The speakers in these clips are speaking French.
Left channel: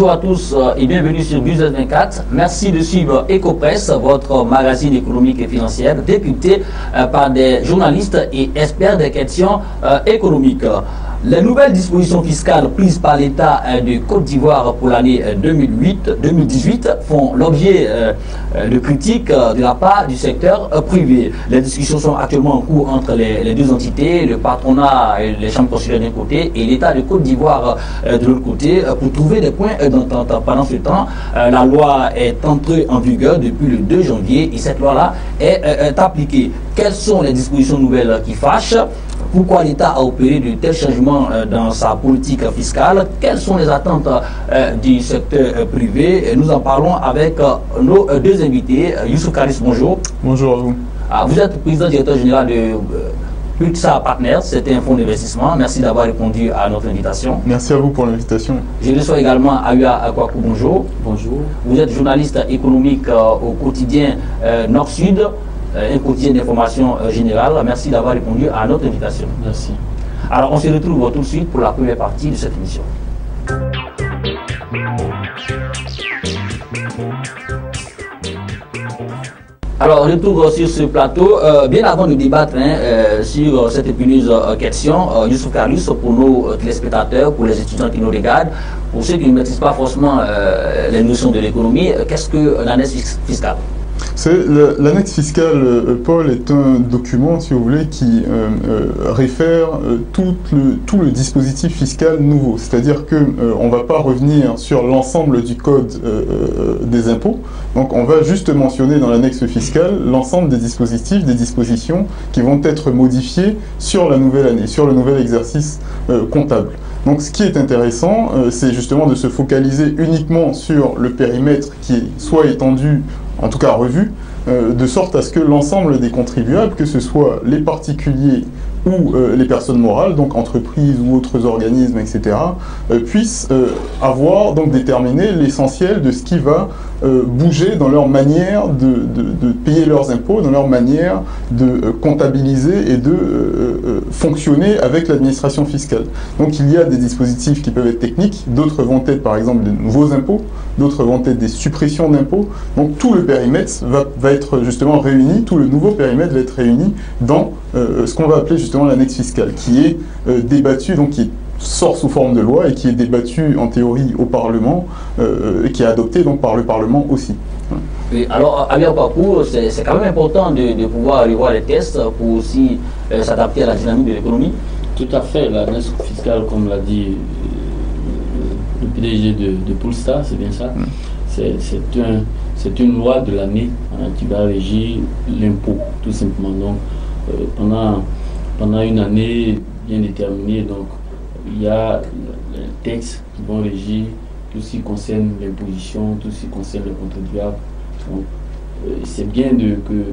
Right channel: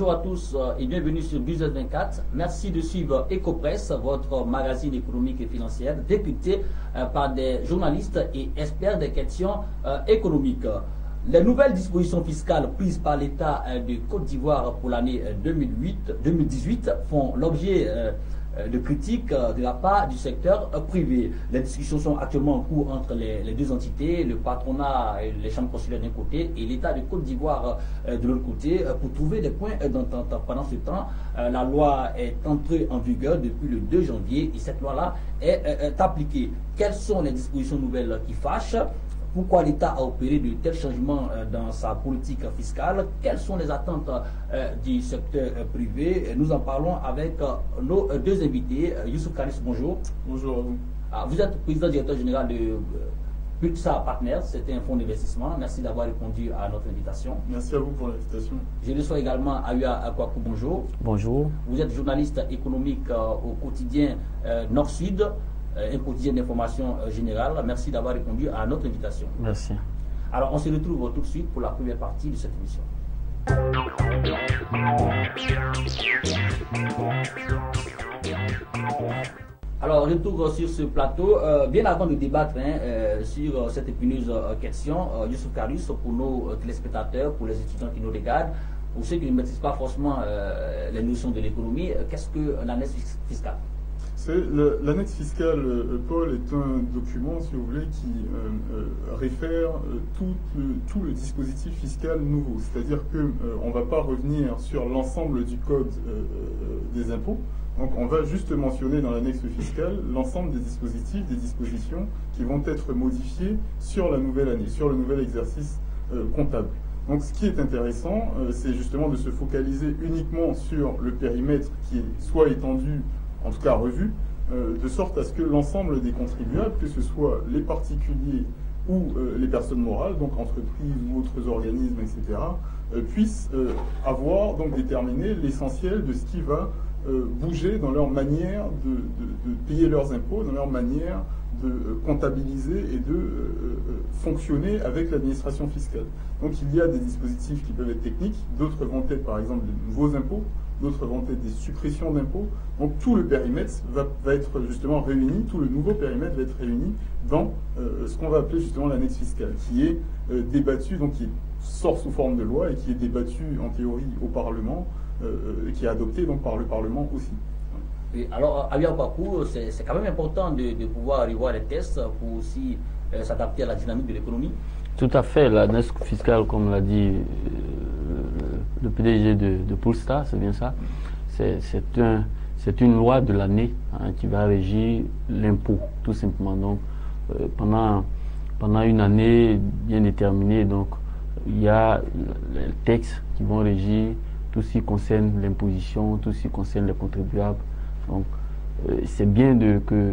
Bonjour à tous et bienvenue sur News 24. Merci de suivre Ecopresse, votre magazine économique et financier, décrypté par des journalistes et experts des questions économiques. Les nouvelles dispositions fiscales prises par l'État de Côte d'Ivoire pour l'année 2018 font l'objet de critiques de la part du secteur privé. Les discussions sont actuellement en cours entre les deux entités, le patronat et les chambres consulaires d'un côté et l'État de Côte d'Ivoire de l'autre côté, pour trouver des points d'entente. Pendant ce temps, la loi est entrée en vigueur depuis le 2 janvier et cette loi-là est appliquée. Quelles sont les dispositions nouvelles qui fâchent? Pourquoi l'État a opéré de tels changements dans sa politique fiscale? Quelles sont les attentes du secteur privé? Nous en parlons avec nos deux invités. Youssouf Karis, bonjour. Bonjour à vous. Vous êtes président directeur général de Pulsar Partners, c'est un fonds d'investissement. Merci d'avoir répondu à notre invitation. Merci à vous pour l'invitation. Je reçois également Ayoua Akwaku, bonjour. Bonjour. Vous êtes journaliste économique au quotidien Nord-Sud, un quotidien d'information générale. Merci d'avoir répondu à notre invitation. Merci. Alors, on se retrouve tout de suite pour la première partie de cette émission. Alors, retour sur ce plateau. Bien avant de débattre sur cette épineuse question, Youssouf Karis, pour nos téléspectateurs, pour les étudiants qui nous regardent, pour ceux qui ne maîtrisent pas forcément les notions de l'économie, qu'est-ce que l'annexe fiscale? L'annexe fiscale, Paul, est un document, si vous voulez, qui réfère tout le dispositif fiscal nouveau. C'est-à-dire qu'on ne va pas revenir sur l'ensemble du code des impôts. Donc on va juste mentionner dans l'annexe fiscale l'ensemble des dispositifs, des dispositions qui vont être modifiées sur la nouvelle année, sur le nouvel exercice comptable. Donc ce qui est intéressant, c'est justement de se focaliser uniquement sur le périmètre qui est soit étendu, en tout cas revu, de sorte à ce que l'ensemble des contribuables, que ce soit les particuliers ou les personnes morales, donc entreprises ou autres organismes, etc., puissent avoir donc déterminé l'essentiel de ce qui va bouger dans leur manière de payer leurs impôts, dans leur manière de comptabiliser et de fonctionner avec l'administration fiscale. Donc il y a des dispositifs qui peuvent être techniques, d'autres vont être par exemple de nouveaux impôts, d'autres vont être des suppressions d'impôts. Donc tout le périmètre va être justement réuni, tout le nouveau périmètre va être réuni dans ce qu'on va appeler justement l'annexe fiscale, qui est débattue, donc qui sort sous forme de loi et qui est débattue en théorie au Parlement, et qui est adoptée donc par le Parlement aussi. Oui, alors, à leur parcours, c'est quand même important de pouvoir revoir les tests pour aussi s'adapter à la dynamique de l'économie. Tout à fait, l'annexe fiscale, comme l'a dit le PDG de Pulsar, c'est bien ça. C'est une loi de l'année qui va régir l'impôt, tout simplement. Donc, pendant une année bien déterminée, donc, il y a les textes qui vont régir tout ce qui concerne l'imposition, tout ce qui concerne les contribuables. Donc, c'est bien que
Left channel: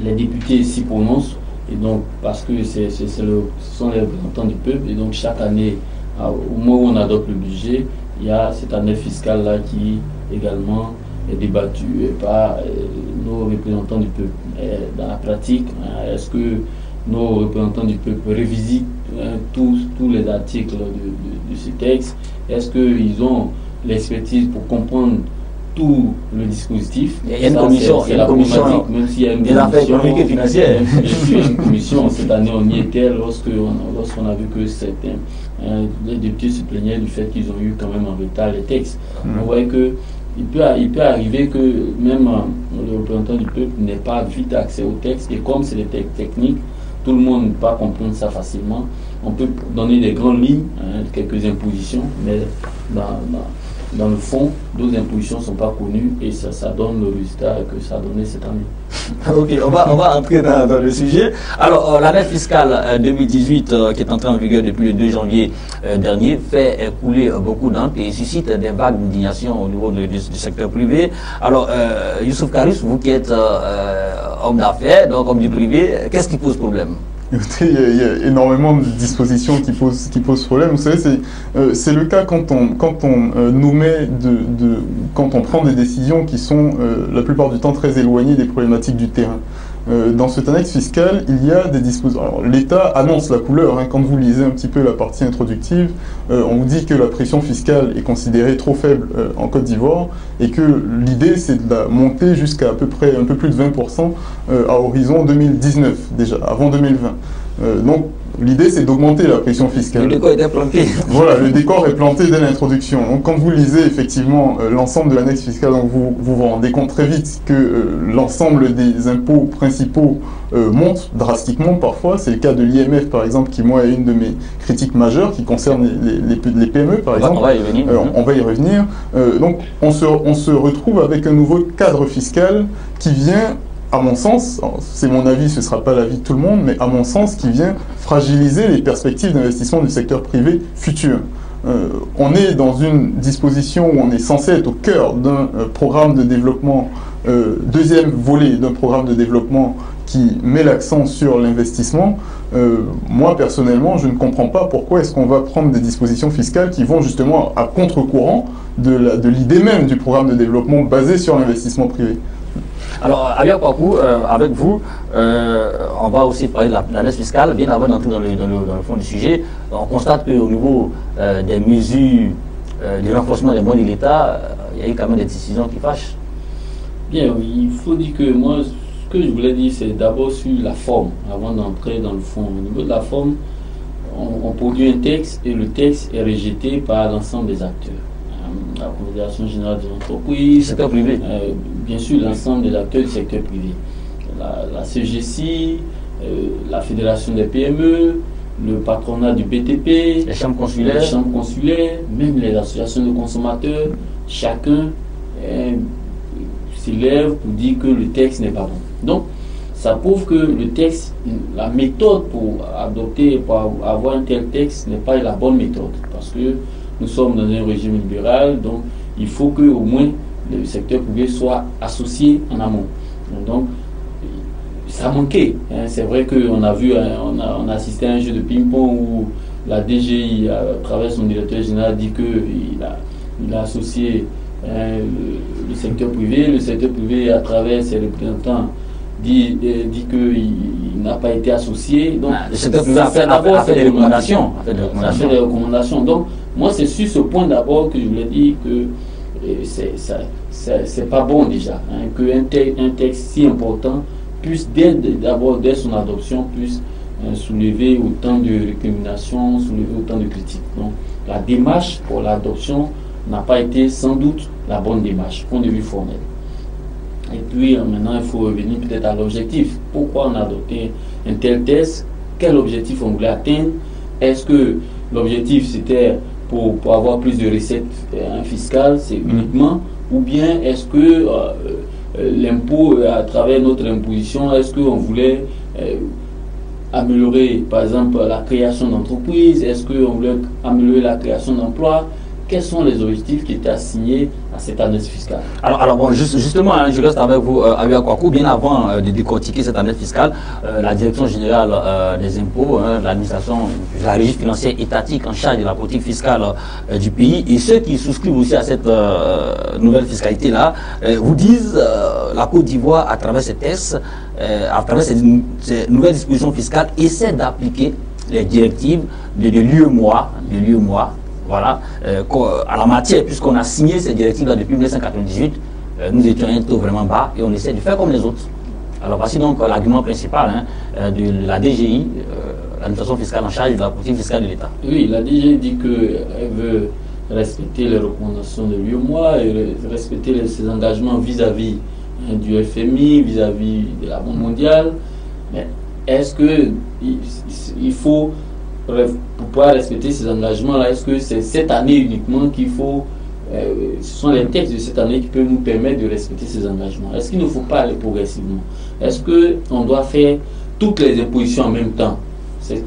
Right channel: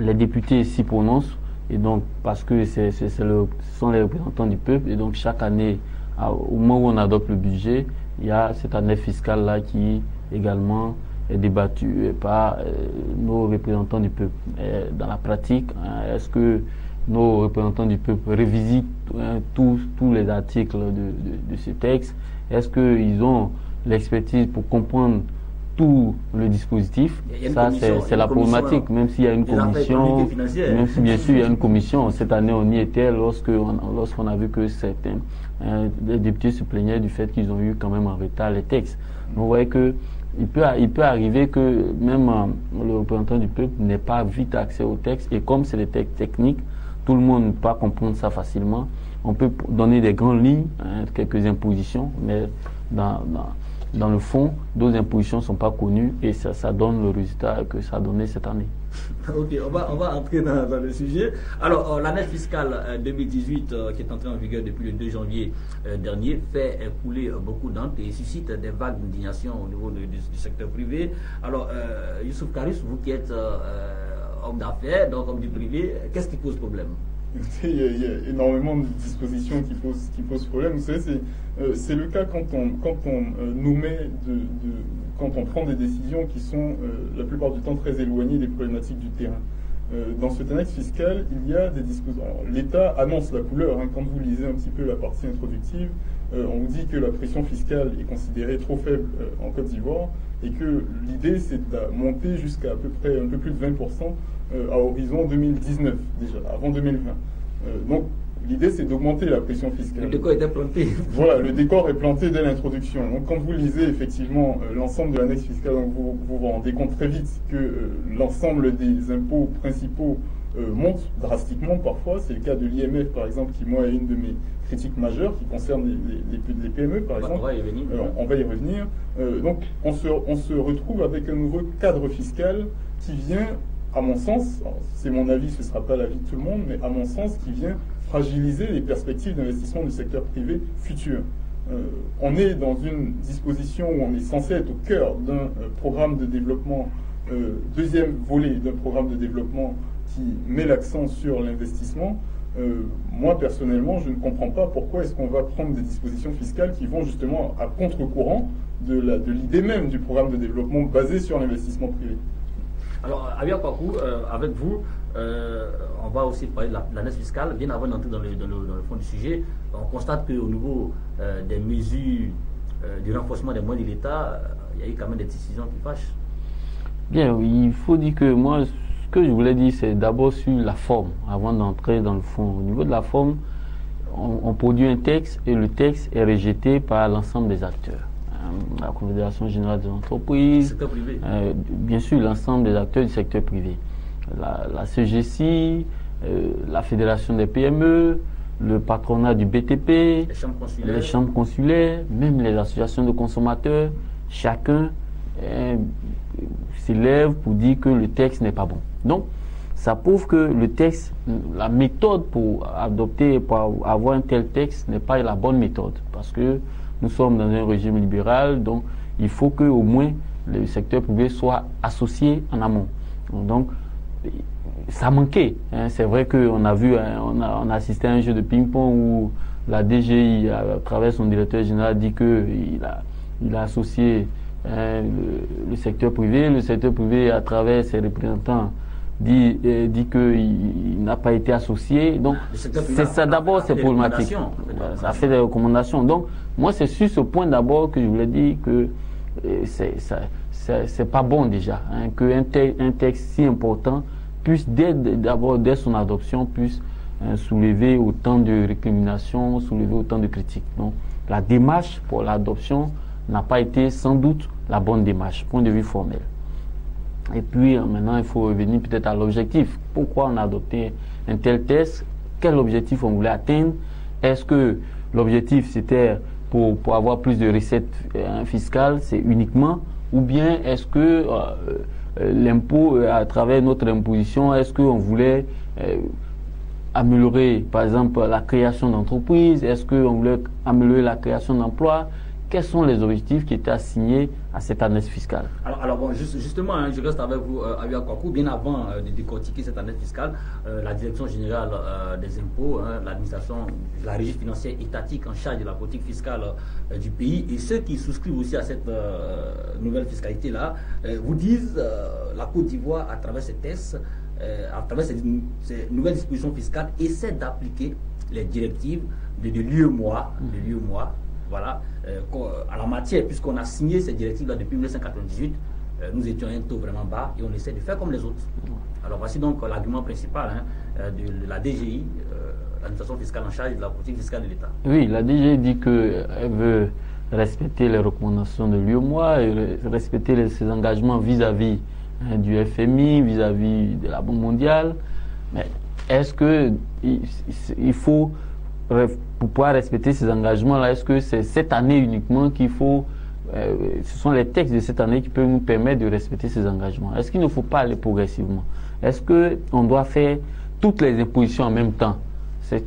les députés s'y prononcent, et donc, parce que ce sont les représentants du peuple, et donc chaque année, au moment où on adopte le budget, il y a cette année fiscale-là qui également est débattue par nos représentants du peuple. Et dans la pratique, est-ce que nos représentants du peuple révisitent tous les articles de ce texte? Est-ce qu'ils ont l'expertise pour comprendre tout le dispositif? Il y a une commission, c'est la problématique, même s'il y a une commission économique et financière. Bien sûr, il y a une commission. Cette année, on y était lorsqu'on a vu que les députés se plaignaient du fait qu'ils ont eu quand même en retard les textes. On voit que il peut arriver que même le représentant du peuple n'ait pas vite accès au texte, et comme c'est des textes techniques, tout le monde ne peut pas comprendre ça facilement. On peut donner des grandes lignes, quelques impositions, mais dans le fond, d'autres impositions ne sont pas connues, et ça donne le résultat que ça a donné cette année. Ok, on va entrer dans le sujet. Alors, l'année fiscale 2018, qui est entrée en vigueur depuis le 2 janvier dernier, fait couler beaucoup d'encre et suscite des vagues d'indignation au niveau du secteur privé. Alors, Youssouf Karis, vous qui êtes homme d'affaires, donc homme du privé, qu'est-ce qui pose problème? Écoutez, il y a énormément de dispositions qui posent problème. Vous savez, c'est le cas quand on prend des décisions qui sont la plupart du temps très éloignées des problématiques du terrain. Dans cette annexe fiscale, il y a des dispositions. L'État annonce la couleur. Quand vous lisez un petit peu la partie introductive, on vous dit que la pression fiscale est considérée trop faible en Côte d'Ivoire et que l'idée, c'est de la monter jusqu'à peu près un peu plus de 20% à horizon 2019, déjà, avant 2020. Donc, l'idée, c'est d'augmenter la pression fiscale. Le décor était planté. Voilà, le décor est planté dès l'introduction. Donc, quand vous lisez effectivement l'ensemble de l'annexe fiscale, donc vous rendez compte très vite que l'ensemble des impôts principaux monte drastiquement parfois. C'est le cas de l'IMF, par exemple, qui, moi, est une de mes critiques majeures, qui concerne les PME, par exemple. On va y revenir. On va y revenir. Donc, on se retrouve avec un nouveau cadre fiscal qui vient, à mon sens, c'est mon avis, ce ne sera pas l'avis de tout le monde, mais à mon sens, qui vient fragiliser les perspectives d'investissement du secteur privé futur. On est dans une disposition où on est censé être au cœur d'un programme de développement, deuxième volet d'un programme de développement qui met l'accent sur l'investissement. Moi, personnellement, je ne comprends pas pourquoi est-ce qu'on va prendre des dispositions fiscales qui vont justement à contre-courant de l'idée même du programme de développement basé sur l'investissement privé. Alors, Abia Kwaku, avec vous, on va aussi parler de l'annexe fiscale. Bien avant d'entrer dans le fond du sujet, on constate qu'au niveau des mesures de renforcement des moyens de l'État, il y a eu quand même des décisions qui fâchent. Bien, il faut dire que moi, ce que je voulais dire, c'est d'abord sur la forme, avant d'entrer dans le fond. Au niveau de la forme, on produit un texte et le texte est rejeté par l'ensemble des acteurs. La Confédération générale des entreprises, Le secteur privé. Bien sûr l'ensemble des acteurs du secteur privé, la CGC, la Fédération des PME, le patronat du BTP, les chambres consulaires, même les associations de consommateurs, chacun s'élève pour dire que le texte n'est pas bon. Donc, ça prouve que le texte, la méthode pour adopter, pour avoir un tel texte n'est pas la bonne méthode, parce que nous sommes dans un régime libéral, donc il faut que au moins le secteur privé soit associé en amont. Donc, ça manquait. C'est vrai qu'on a vu, on a assisté à un jeu de ping-pong où la DGI, à travers son directeur général, dit qu'il a associé le secteur privé. Le secteur privé, à travers ses représentants, dit qu'il n'a pas été associé. Donc, le secteur privé a fait des recommandations. Ça fait des recommandations. Donc, moi, c'est sur ce point d'abord que je voulais dire que c'est pas bon déjà, qu'un texte si important puisse, d'abord dès son adoption, puisse soulever autant de récriminations, soulever autant de critiques. Donc, la démarche pour l'adoption n'a pas été sans doute la bonne démarche, point de vue formel. Et puis maintenant, il faut revenir peut-être à l'objectif. Pourquoi on a adopté un tel texte? Quel objectif on voulait atteindre? Est-ce que l'objectif c'était pour avoir plus de recettes fiscales, c'est uniquement? Ou bien est-ce que l'impôt, à travers notre imposition, est-ce qu'on voulait améliorer par exemple la création d'entreprises? Est-ce qu'on voulait améliorer la création d'emplois? Quels sont les objectifs qui étaient assignés à cette annexe fiscale? Alors bon, justement, je reste avec vous, Abia Kwaku. Bien avant de décortiquer cette annexe fiscale, la Direction générale des impôts, l'administration, la régie financière étatique en charge de la politique fiscale du pays, et ceux qui souscrivent aussi à cette nouvelle fiscalité-là, vous disent la Côte d'Ivoire, à travers ces tests, à travers ces nouvelles dispositions fiscales, essaie d'appliquer les directives de l'UEMOA. Voilà, à la matière, puisqu'on a signé ces directives-là depuis 1998, nous étions à un taux vraiment bas et on essaie de faire comme les autres. Alors voici donc l'argument principal de la DGI, l'administration fiscale en charge de la politique fiscale de l'État. Oui, la DGI dit qu'elle veut respecter les recommandations de l'UEMOA et respecter ses engagements vis-à-vis du FMI, vis-à-vis de la Banque mondiale. Mais est-ce qu'il faut, pour pouvoir respecter ces engagements-là, est-ce que c'est cette année uniquement qu'il faut, ce sont les textes de cette année qui peuvent nous permettre de respecter ces engagements? Est-ce qu'il ne faut pas aller progressivement? Est-ce qu'on doit faire toutes les impositions en même temps? C'est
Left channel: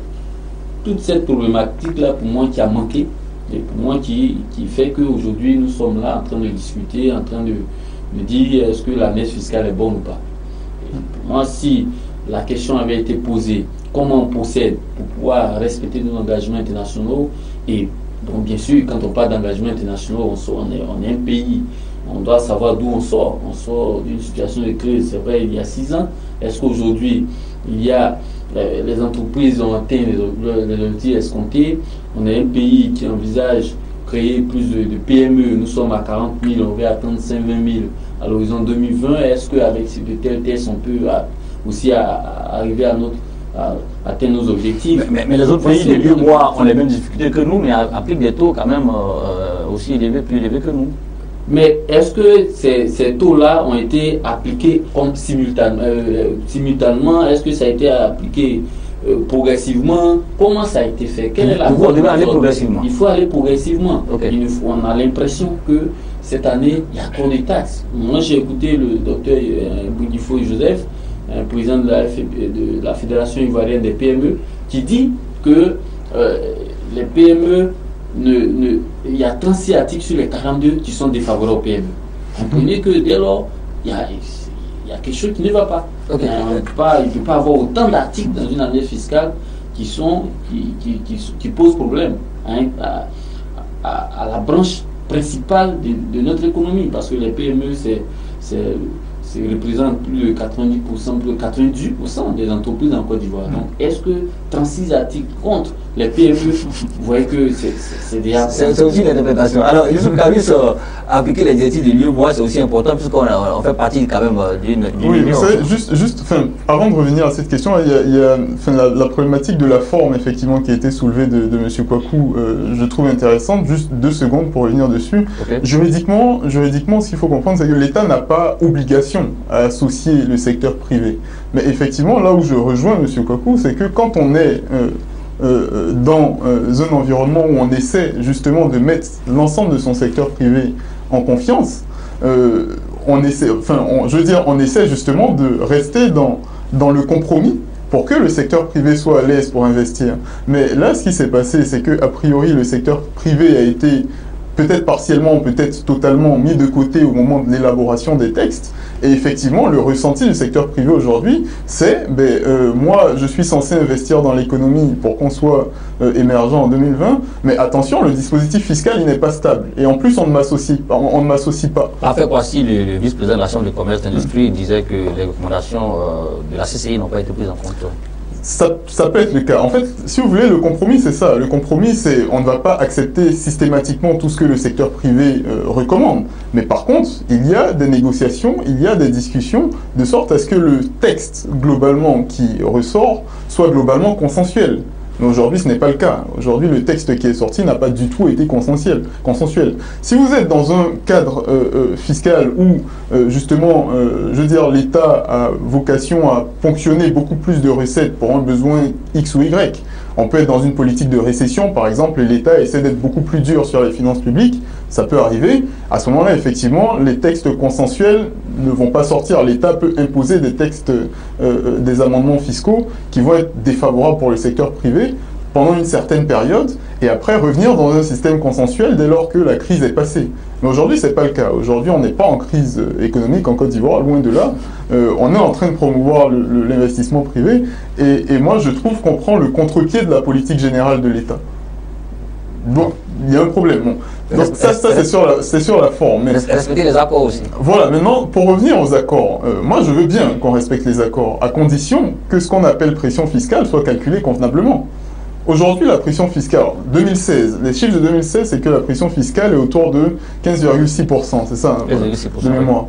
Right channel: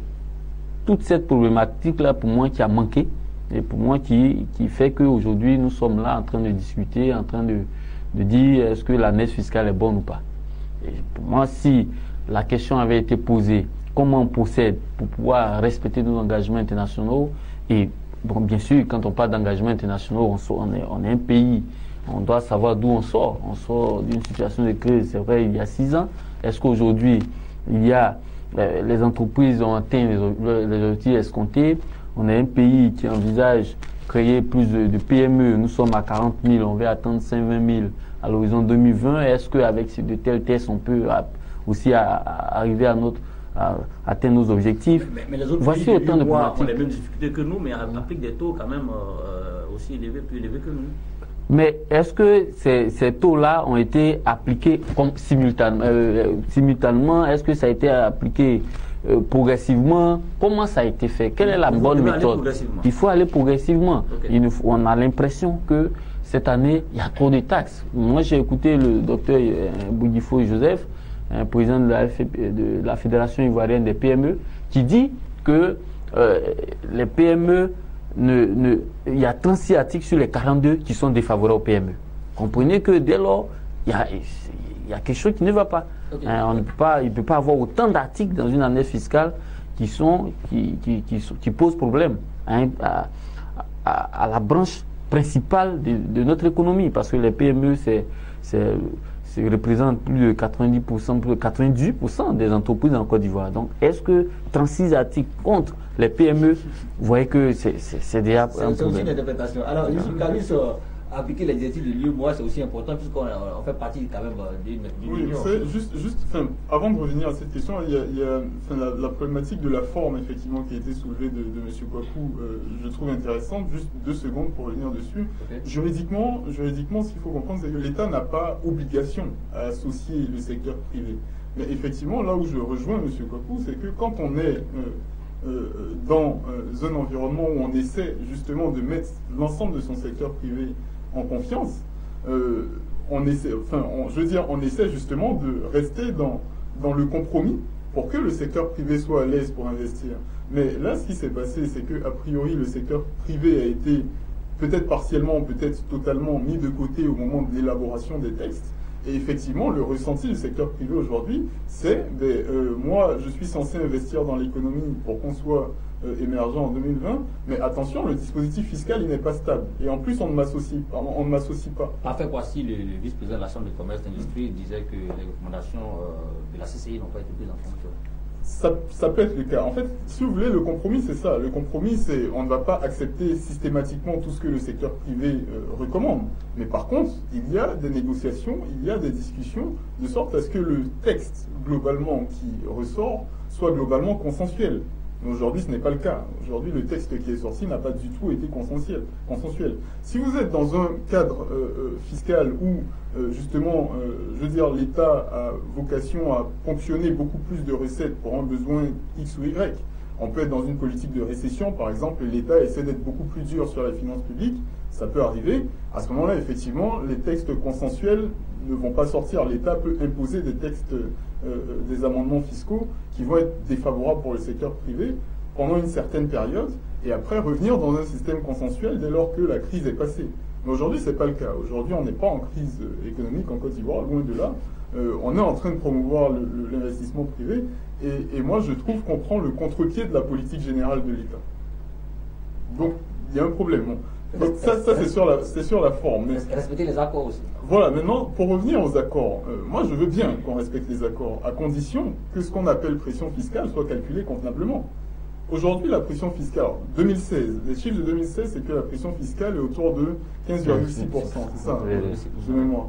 toute cette problématique-là pour moi qui a manqué et pour moi qui fait qu'aujourd'hui nous sommes là en train de discuter, en train de dire est-ce que l'annexe fiscale est bonne ou pas. Et pour moi, si la question avait été posée, comment on procède pour pouvoir respecter nos engagements internationaux? Et donc bien sûr, quand on parle d'engagements internationaux, on est un pays on doit savoir d'où on sort. On sort d'une situation de crise, c'est vrai, il y a 6 ans. Est-ce qu'aujourd'hui, les entreprises ont atteint les objectifs escomptés? On est un pays qui envisage créer plus de PME. Nous sommes à 40 000, on va atteindre 120 000 à l'horizon 2020. Est-ce qu'avec ces tels tests, on peut aussi arriver à atteindre nos objectifs? Mais les autres pays de l'UEMOA ont les mêmes difficultés que nous, mais appliquent des taux quand même aussi élevés, plus élevés que nous. Mais est-ce que ces taux-là ont été appliqués simultanément? Est-ce que ça a été appliqué progressivement? Comment ça a été fait? Quelle est la bonne aller progressivement? Il faut aller progressivement. Okay. On a l'impression que cette année, il y a trop de taxes. Moi, j'ai écouté le docteur Boudifo Joseph, président de la Fédération ivoirienne des PME, qui dit que les PME, il y a 36 articles sur les 42 qui sont défavorables aux PME. Comprenez que dès lors, il y a quelque chose qui ne va pas. Okay. Il ne peut pas avoir autant d'articles dans une année fiscale qui posent problème à la branche principale de notre économie, parce que les PME, représentent plus de 90%, plus de 98% des entreprises en Côte d'Ivoire. Donc, est-ce que 36 articles contre les PME, vous voyez que c'est déjà... C'est aussi l'interprétation. Alors, Youssouf Kamis, appliquer les directives de l'UEMOA, c'est aussi important, puisqu'on fait partie quand même d'une oui, vous savez, avant de revenir à cette question, il y a la problématique de la forme, effectivement, qui a été soulevée de M. Kouakou, je trouve intéressante. Juste 2 secondes pour revenir dessus. Okay. Juridiquement, ce qu'il faut comprendre, c'est que l'État n'a pas obligation à associer le secteur privé. Mais effectivement, là où je rejoins M. Kouakou, c'est que quand on est dans un environnement où on essaie justement de mettre l'ensemble de son secteur privé en confiance, on essaie justement de rester dans le compromis pour que le secteur privé soit à l'aise pour investir. Mais là, ce qui s'est passé, c'est qu'a priori, le secteur privé a été peut-être partiellement, peut-être totalement mis de côté au moment de l'élaboration des textes. Et effectivement, le ressenti du secteur privé aujourd'hui, c'est moi, je suis censé investir dans l'économie pour qu'on soit émergent en 2020, mais attention, le dispositif fiscal, il n'est pas stable. Et en plus, on ne m'associe pas. Parfait, voici le vice-président de la Chambre de commerce et d'industrie disait que les recommandations de la CCI n'ont pas été prises en compte. Ça peut être le cas. En fait, si vous voulez, le compromis, c'est ça. Le compromis, c'est on ne va pas accepter systématiquement tout ce que le secteur privé recommande. Mais par contre, il y a des négociations, il y a des discussions, de sorte à ce que le texte, globalement, qui ressort, soit globalement consensuel. Mais aujourd'hui, ce n'est pas le cas. Aujourd'hui, le texte qui est sorti n'a pas du tout été consensuel. Si vous êtes dans un cadre fiscal où, justement, l'État a vocation à ponctionner beaucoup plus de recettes pour un besoin X ou Y, on peut être dans une politique de récession, par exemple, et l'État essaie d'être beaucoup plus dur sur les finances publiques, ça peut arriver. À ce moment-là, effectivement, les textes consensuels ne vont pas sortir. L'État peut imposer des textes, des amendements fiscaux qui vont être défavorables pour le secteur privé pendant une certaine période et après revenir dans un système consensuel dès lors que la crise est passée. Mais aujourd'hui, ce n'est pas le cas. Aujourd'hui, on n'est pas en crise économique en Côte d'Ivoire, loin de là. On est en train de promouvoir l'investissement privé et moi, je trouve qu'on prend le contre-pied de la politique générale de l'État. Donc, il y a un problème. Bon. Donc ça c'est sur la forme. Mais respecter les accords aussi. Voilà, maintenant, pour revenir aux accords, moi je veux bien qu'on respecte les accords, à condition que ce qu'on appelle pression fiscale soit calculé convenablement. Aujourd'hui, la pression fiscale, 2016, les chiffres de 2016, c'est que la pression fiscale est autour de 15,6%, c'est ça, de mémoire.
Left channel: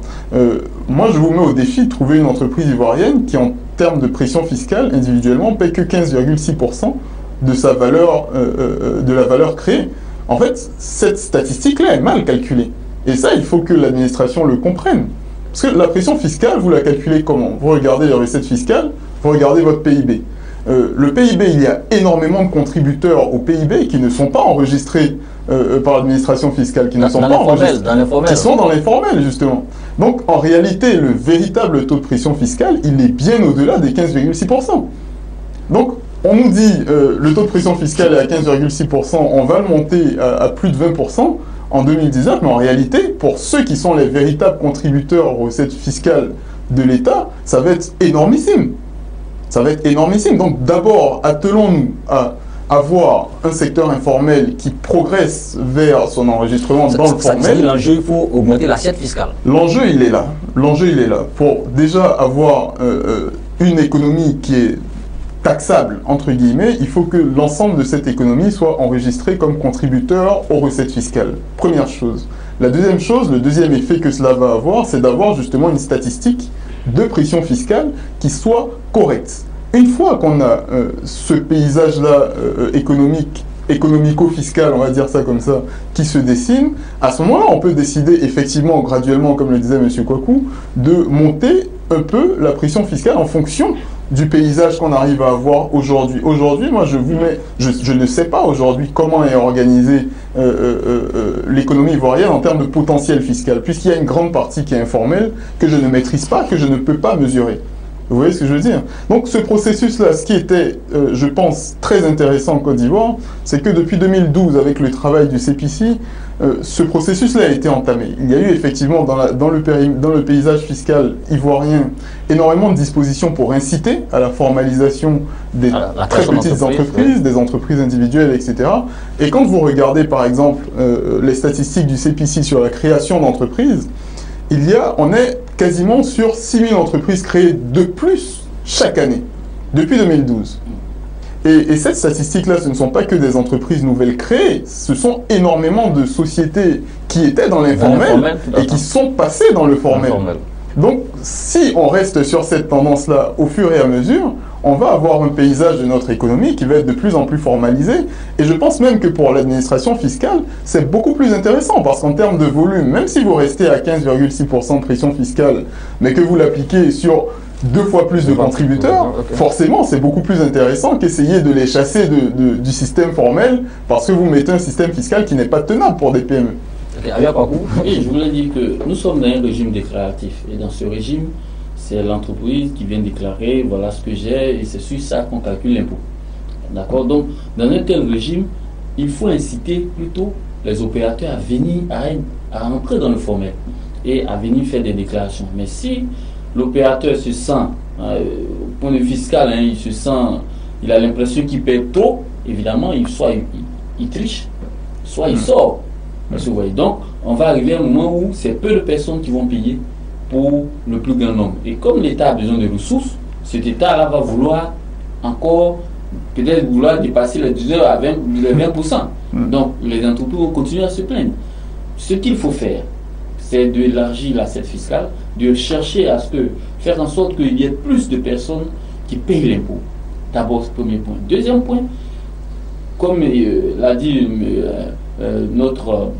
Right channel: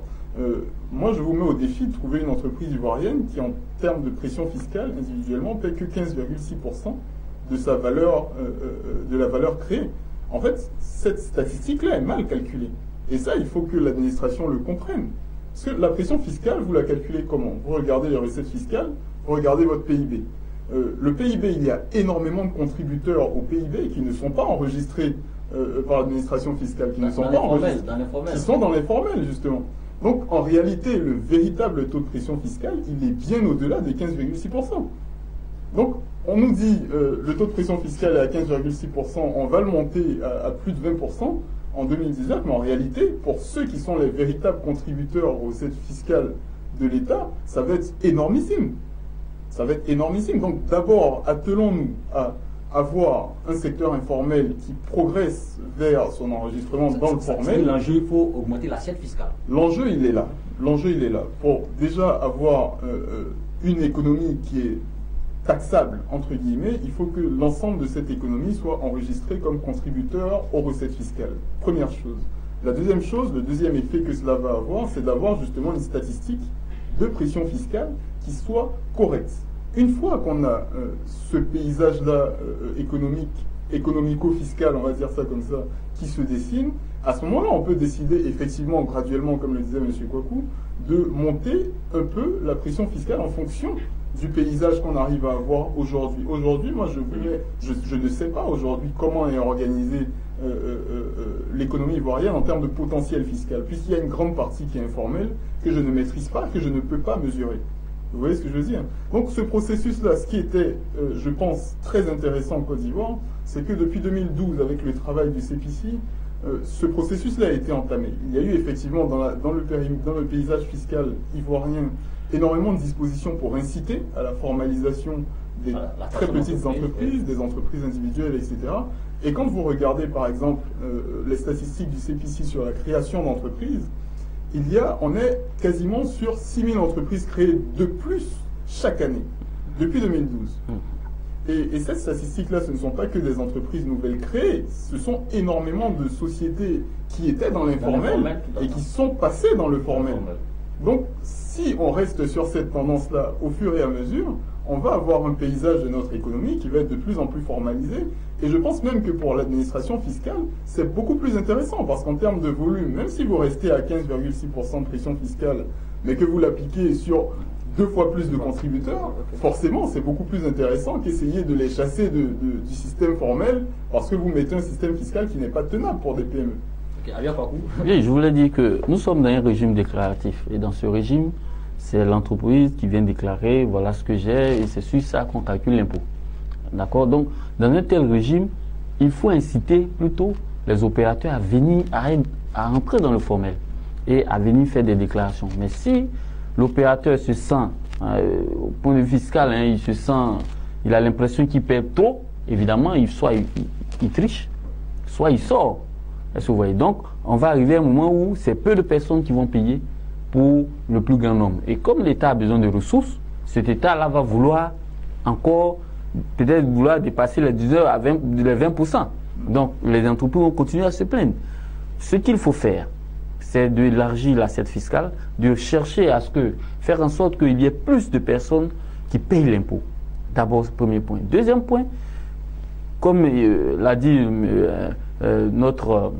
Moi, je vous mets au défi de trouver une entreprise ivoirienne qui, en termes de pression fiscale, individuellement, paye que 15,6% de sa valeur, de la valeur créée. En fait, cette statistique-là est mal calculée. Et ça, il faut que l'administration le comprenne. Parce que la pression fiscale, vous la calculez comment? Vous regardez les recettes fiscales, vous regardez votre PIB. Le PIB, il y a énormément de contributeurs au PIB qui ne sont pas enregistrés par l'administration fiscale, qui ne sont pas enregistrés, qui sont dans les formels, justement. Donc, en réalité, le véritable taux de pression fiscale, il est bien au-delà des 15,6%. Donc, on nous dit le taux de pression fiscale est à 15,6%, on va le monter à plus de 20% en 2019, mais en réalité, pour ceux qui sont les véritables contributeurs aux recettes fiscales de l'État, ça va être énormissime. Ça va être énormissime. Donc d'abord, attelons-nous à avoir un secteur informel qui progresse vers son enregistrement dans le formel. L'enjeu, il faut augmenter l'assiette fiscale. L'enjeu, il est là. L'enjeu, il est là. Pour déjà avoir une économie qui est taxable, entre guillemets, il faut que l'ensemble de cette économie soit enregistré comme contributeur aux recettes fiscales. Première chose. La deuxième chose, le deuxième effet que cela va avoir, c'est d'avoir justement une statistique de pression fiscale qui soit correcte. Une fois qu'on a ce paysage-là économico-fiscal, on va dire ça comme ça, qui se dessine, à ce moment-là, on peut décider effectivement, graduellement, comme le disait M. Kouakou, de monter un peu la pression fiscale en fonction du paysage qu'on arrive à avoir aujourd'hui. Aujourd'hui, moi, je ne sais pas aujourd'hui comment est organisée l'économie ivoirienne en termes de potentiel fiscal, puisqu'il y a une grande partie qui est informelle, que je ne maîtrise pas, que je ne peux pas mesurer. Vous voyez ce que je veux dire? Donc ce processus-là, ce qui était, je pense, très intéressant en Côte d'Ivoire, c'est que depuis 2012, avec le travail du CPC, ce processus-là a été entamé. Il y a eu effectivement dans le paysage fiscal ivoirien énormément de dispositions pour inciter à la formalisation des très petites entreprises, des entreprises individuelles, etc. Et quand vous regardez par exemple les statistiques du CPC sur la création d'entreprises, on est quasiment sur 6 000 entreprises créées de plus chaque année, depuis 2012. Et cette statistique-là, ce ne sont pas que des entreprises nouvelles créées, ce sont énormément de sociétés qui étaient dans l'informel et qui sont passées dans le formel. Donc, si on reste sur cette tendance-là au fur et à mesure, on va avoir un paysage de notre économie qui va être de plus en plus formalisé. Et je pense même que pour l'administration fiscale, c'est beaucoup plus intéressant parce qu'en termes de volume, même si vous restez à 15,6% de pression fiscale, mais que vous l'appliquez sur 2 fois plus de contributeurs, forcément, c'est beaucoup plus intéressant qu'essayer de les chasser du système formel parce que vous mettez un système fiscal qui n'est pas tenable pour des PME. Oui, je voulais dire que nous sommes dans un régime déclaratif. Et dans ce régime, c'est l'entreprise qui vient déclarer, voilà ce que j'ai, et c'est sur ça qu'on calcule l'impôt. D'accord? Donc, dans un tel régime, il faut inciter plutôt les opérateurs à venir, à entrer dans le formel et à venir faire des déclarations. Mais si l'opérateur se sent, au point de vue fiscal, il a l'impression qu'il paie trop, évidemment, soit il triche, soit il sort. Vous voyez, donc, on va arriver à un moment où c'est peu de personnes qui vont payer pour le plus grand nombre. Et comme l'État a besoin de ressources, cet État-là va vouloir encore, peut-être vouloir dépasser les 10 heures à 20%. Donc, les entreprises vont continuer à se plaindre. Ce qu'il faut faire, c'est d'élargir l'assiette fiscale, de chercher à faire en sorte qu'il y ait plus de personnes qui payent l'impôt. D'abord, ce premier point. Deuxième point, comme l'a dit notre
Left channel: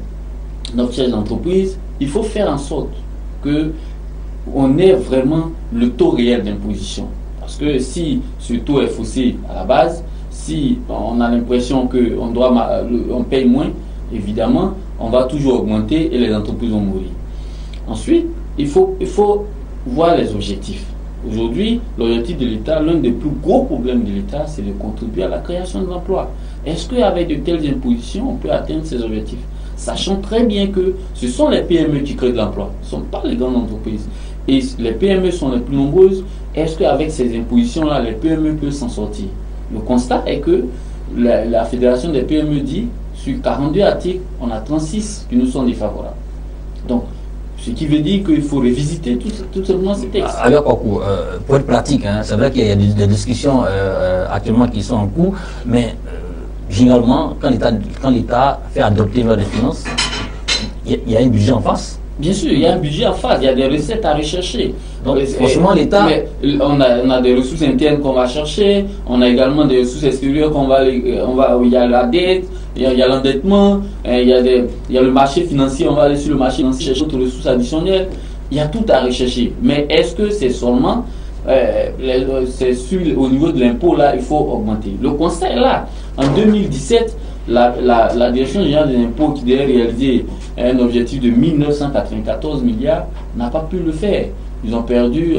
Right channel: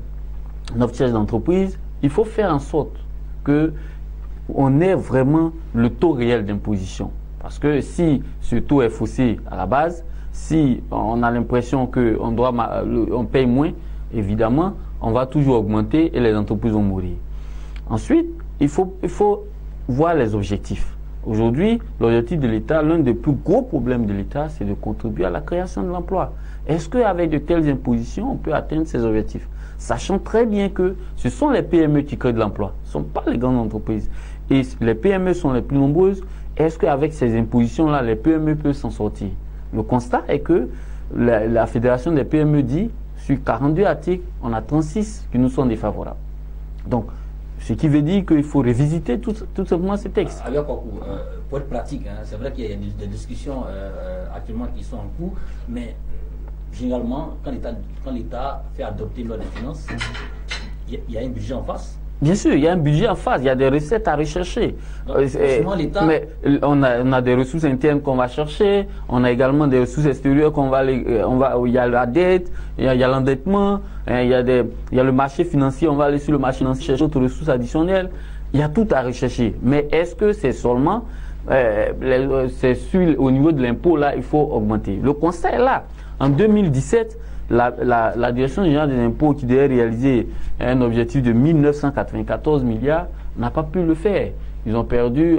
chef d'entreprise, il faut faire en sorte qu'on ait vraiment le taux réel d'imposition. Parce que si ce taux est faussé à la base, si on a l'impression qu'on paye moins, évidemment, on va toujours augmenter et les entreprises vont mourir. Ensuite, il faut voir les objectifs. Aujourd'hui, l'objectif de l'État, l'un des plus gros problèmes de l'État, c'est de contribuer à la création de l'emploi. Est-ce qu'avec de telles impositions, on peut atteindre ces objectifs? Sachant très bien que ce sont les PME qui créent de l'emploi, ce ne sont pas les grandes entreprises. Et les PME sont les plus nombreuses. Est-ce qu'avec ces impositions-là, les PME peuvent s'en sortir? Le constat est que la Fédération des PME dit, sur 42 articles, on a 36 qui nous sont défavorables. Donc, ce qui veut dire qu'il faut revisiter tout simplement ces textes. Alors, pour être pratique, hein, c'est vrai qu'il y a des discussions actuellement qui sont en cours, mais généralement, quand l'État fait adopter les finances, il y a un budget en face. Bien sûr, il y a un budget en face, il y a des recettes à rechercher. Donc, franchement, l'État... On a des ressources internes qu'on va chercher, on a également des ressources extérieures il y a la dette, il y a l'endettement, il y a le marché financier, on va aller sur le marché financier chercher d'autres ressources additionnelles. Il y a tout à rechercher. Mais est-ce que c'est seulement... au niveau de l'impôt, là, il faut augmenter. Le constat est là. En 2017, la Direction générale des impôts, qui devait réaliser un objectif de 1994 milliards, n'a pas pu le faire. Ils ont perdu, il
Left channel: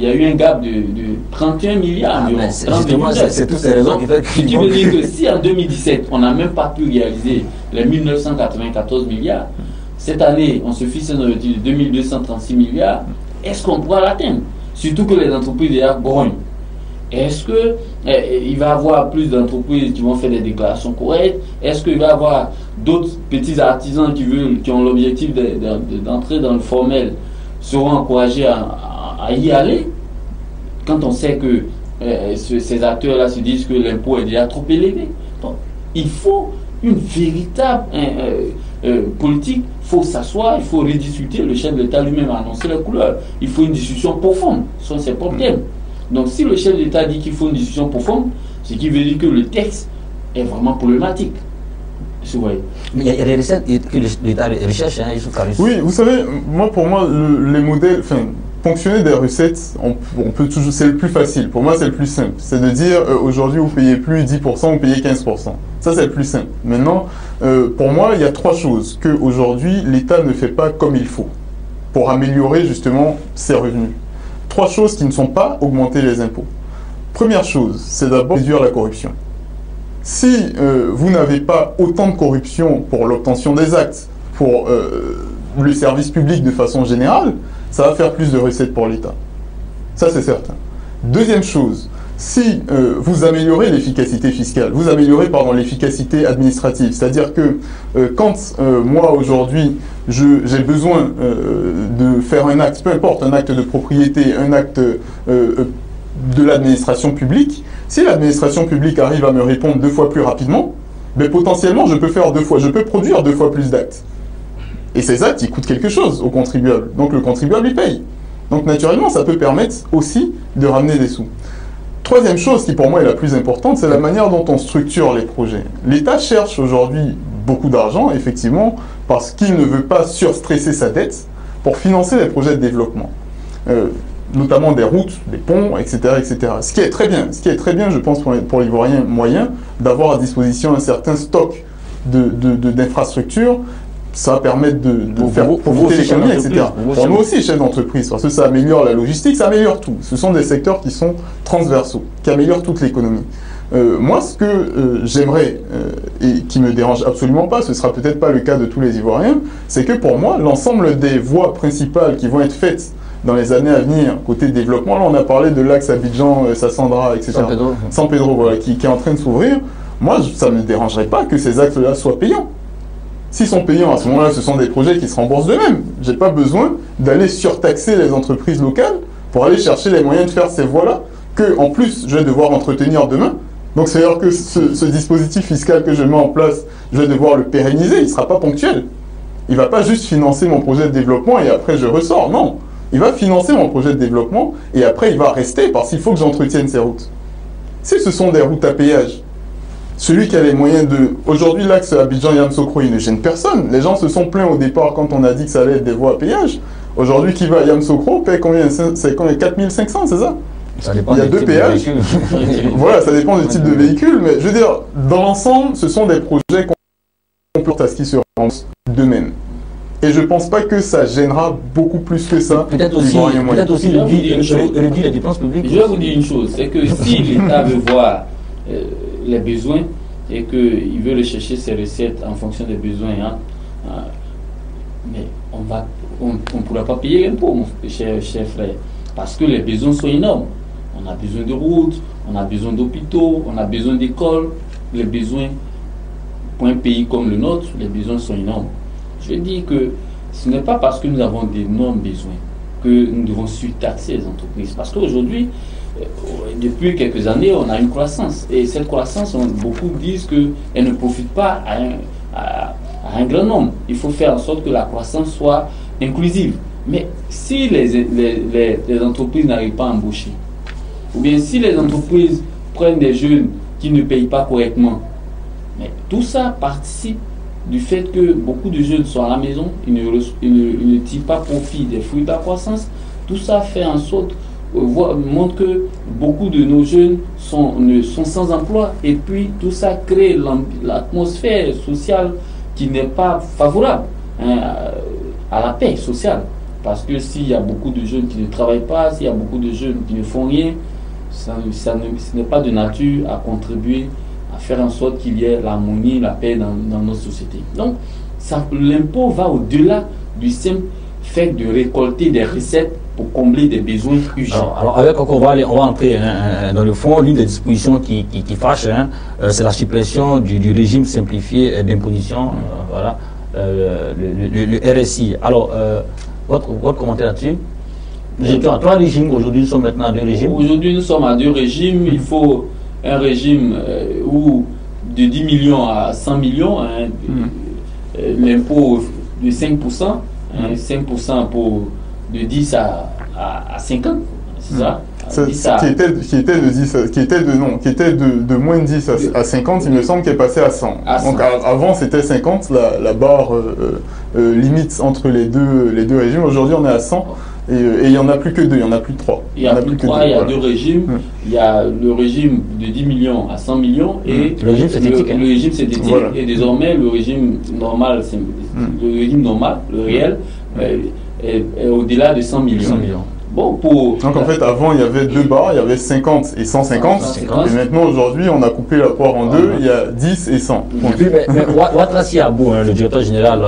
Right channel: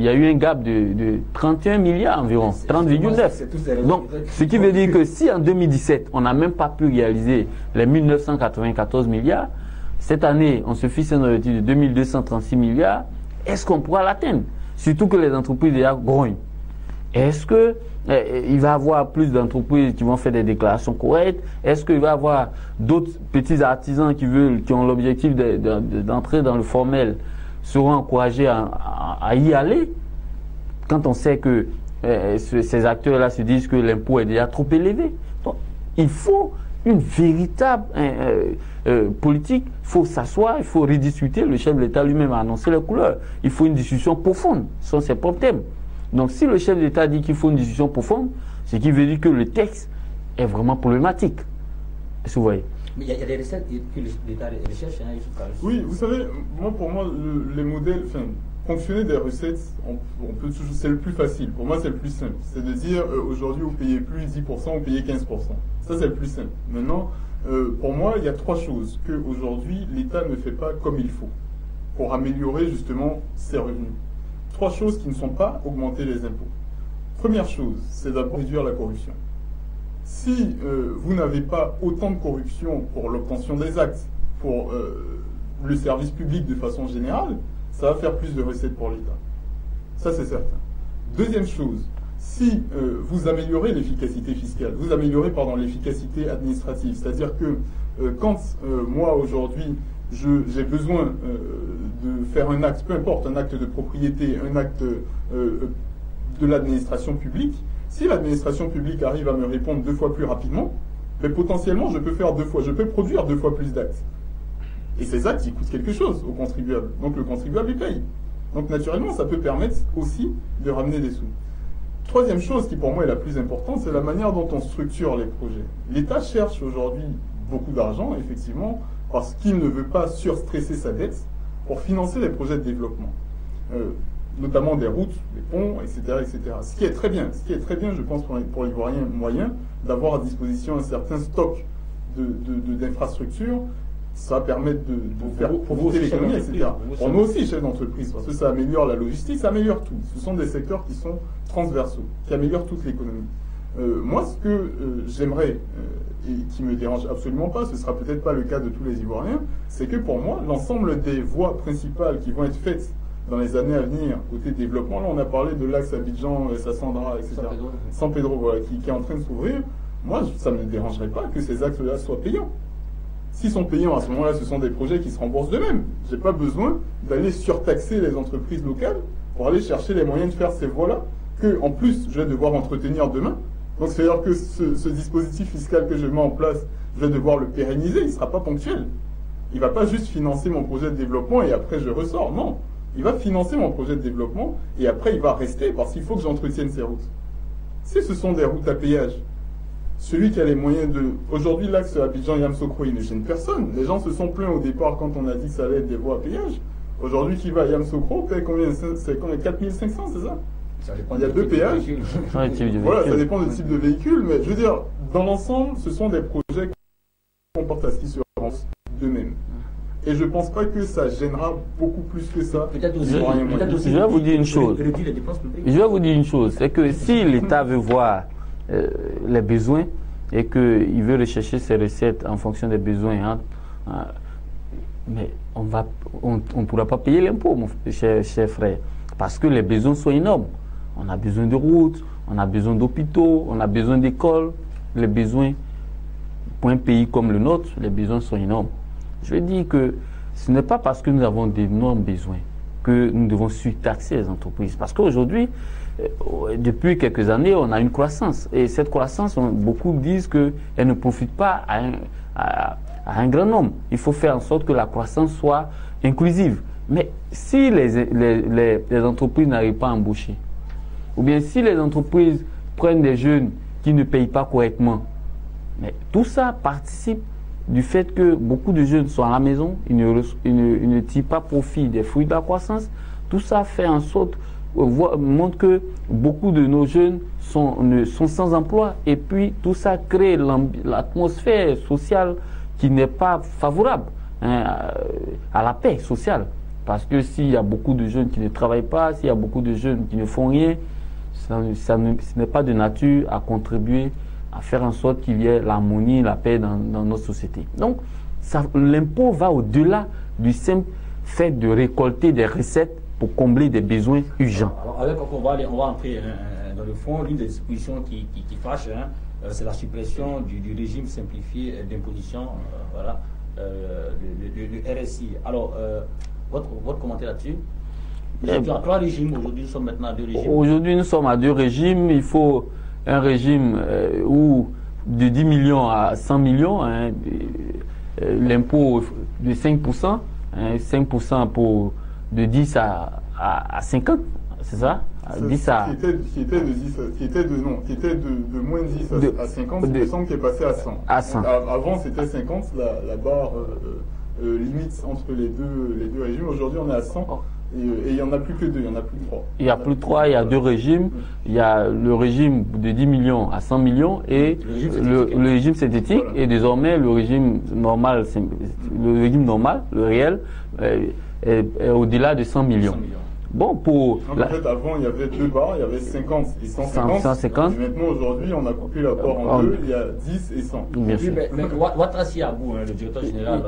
y a eu un gap de 31 milliards environ. C'est toutes ces raisons qui font que... Ce qui veut dire que si en 2017, on n'a même pas pu réaliser les 1994 milliards, cette année, on se fixe un objectif de 2236 milliards, est-ce qu'on pourra l'atteindre? Surtout que les entreprises déjà grognent. Est-ce qu'il va y avoir plus d'entreprises qui vont faire des déclarations correctes? Est-ce qu'il va y avoir d'autres petits artisans qui ont l'objectif d'entrer dans le formel seront encouragés à y aller? Quand on sait que ces acteurs-là se disent que l'impôt est déjà trop élevé. Donc, il faut une véritable politique, il faut s'asseoir, il faut rediscuter. Le chef de l'État lui-même a annoncé la couleur. Il faut une discussion profonde sur ces problèmes. Donc si le chef de l'État dit qu'il faut une discussion profonde, ce qui veut dire que le texte est vraiment problématique. Mais il y a des recettes que l'État recherche, hein, Oui, vous savez, pour moi, les modèles, fonctionner des recettes, on peut toujours, c'est le plus facile. Pour moi, c'est le plus simple. C'est de dire, aujourd'hui, vous payez plus 10%, vous payez 15%. Ça, c'est le plus simple. Maintenant, pour moi, il y a trois choses qu'aujourd'hui, l'État ne fait pas comme il faut pour améliorer justement ses revenus. Trois choses qui ne sont pas augmenter les impôts. Première chose, c'est d'abord réduire la corruption. Si vous n'avez pas autant de corruption pour l'obtention des actes, pour le service public de façon générale, ça va faire plus de recettes pour l'État. Ça, c'est certain. Deuxième chose, si vous améliorez l'efficacité fiscale, vous améliorez l'efficacité administrative, c'est-à-dire que quand moi aujourd'hui j'ai besoin de faire un acte, peu importe, un acte de propriété, un acte de l'administration publique, si l'administration publique arrive à me répondre 2 fois plus rapidement, ben potentiellement je peux produire 2 fois plus d'actes. Et ces actes, ils coûtent quelque chose au contribuable. Donc le contribuable, il paye. Donc naturellement, ça peut permettre aussi de ramener des sous. Troisième chose qui pour moi est la plus importante, c'est la manière dont on structure les projets. L'État cherche aujourd'hui beaucoup d'argent, effectivement, parce qu'il ne veut pas surstresser sa dette pour financer les projets de développement. Notamment des routes, des ponts, etc., etc. Ce qui est très bien, je pense, pour l'Ivoirien moyen, d'avoir à disposition un certain stock d'infrastructures. Ça va permettre de faire profiter l'économie, etc. Pour nous aussi, chefs d'entreprise, parce que ça améliore la logistique, ça améliore tout. Ce sont des secteurs qui sont transversaux, qui améliorent toute l'économie. Moi, ce que j'aimerais, et qui ne me dérange absolument pas, ce ne sera peut-être pas le cas de tous les Ivoiriens, c'est que pour moi, l'ensemble des voies principales qui vont être faites dans les années à venir, côté développement, là on a parlé de l'axe Abidjan-Sassandra, etc. San Pedro, voilà, qui est en train de s'ouvrir. Moi, ça ne me dérangerait pas que ces axes-là soient payants. S'ils sont payants, à ce moment-là, ce sont des projets qui se remboursent d'eux-mêmes. Je n'ai pas besoin d'aller surtaxer les entreprises locales pour aller chercher les moyens de faire ces voies-là, que en plus, je vais devoir entretenir demain. Donc, c'est-à-dire que ce dispositif fiscal que je mets en place, je vais devoir le pérenniser, il ne sera pas ponctuel. Il ne va pas juste financer mon projet de développement et après je ressors, non. Il va financer mon projet de développement et après il va rester parce qu'il faut que j'entretienne ces routes. Si ce sont des routes à péage, celui qui a les moyens de... Aujourd'hui, l'axe Abidjan-Yamoussoukro, il ne gêne personne. Les gens se sont plaints au départ quand on a dit que ça allait être des voies à péage. Aujourd'hui, qui va à Yamoussoukro paie combien? C'est 4500, c'est ça? Ça dépend. Il y a 2 péages. Voilà, ça dépend du type de véhicule. Mais je veux dire, dans l'ensemble, ce sont des projets qu'on peut à ce qui se remboursent d'eux-mêmes. Et je ne pense pas que ça gênera beaucoup plus que ça. Peut-être aussi réduire les dépenses publiques. Je vais vous dire une chose, c'est que si l'État veut voir les besoins et qu'il veut rechercher ses recettes en fonction des besoins, mais on ne pourra pas payer l'impôt, mon cher frère, parce que les besoins sont énormes. On a besoin de routes, on a besoin d'hôpitaux, on a besoin d'écoles. Les besoins, pour un pays comme le nôtre, les besoins sont énormes. Je dis que ce n'est pas parce que nous avons d'énormes besoins que nous devons surtaxer les entreprises. Parce qu'aujourd'hui, depuis quelques années, on a une croissance. Et cette croissance, beaucoup disent qu'elle ne profite pas à un grand nombre. Il faut faire en sorte que la croissance soit inclusive. Mais si les entreprises n'arrivent pas à embaucher, ou bien si les entreprises prennent des jeunes qui ne payent pas correctement, mais tout ça participe du fait que beaucoup de jeunes sont à la maison, ils ne tirent pas profit des fruits de la croissance. Tout ça fait en sorte, montre que beaucoup de nos jeunes sont sans emploi. Et puis tout ça crée l'atmosphère sociale qui n'est pas favorable à la paix sociale. Parce que s'il y a beaucoup de jeunes qui ne travaillent pas, s'il y a beaucoup de jeunes qui ne font rien, ce n'est pas de nature à contribuer à faire en sorte qu'il y ait l'harmonie, la paix dans nos sociétés. Donc, l'impôt va au-delà du simple fait de récolter des recettes pour combler des besoins urgents. Alors avec on va entrer dans le fond. L'une des dispositions qui fâche, c'est la suppression du régime simplifié d'imposition, voilà, le RSI. Alors, votre commentaire là-dessus? Nous étions à 3 régimes, aujourd'hui nous sommes maintenant à 2 régimes. Aujourd'hui nous sommes à 2 régimes. Il faut un régime où de 10 millions à 100 millions, l'impôt de 5%, 5% pour de 10 à 50, c'est ça? Qui était de moins de 10 à 50, il me semble qu'elle est passé à 100. Donc avant c'était 50, la barre limite entre les deux régimes. Aujourd'hui on est à 100 et il n'y en a plus que 2, il n'y en a plus que 3. Il y a plus que 3, il y a 2 régimes. Il y a le régime de 10 millions à 100 millions et le régime synthétique. Voilà. Et désormais le régime normal, le réel, est au-delà de 100 millions. Bon, donc en fait avant il y avait 2 barres, il y avait 50 et 150 et maintenant aujourd'hui on a coupé la poire en 2, il y a 10 et 100. Mais Ouattara Abou, le directeur général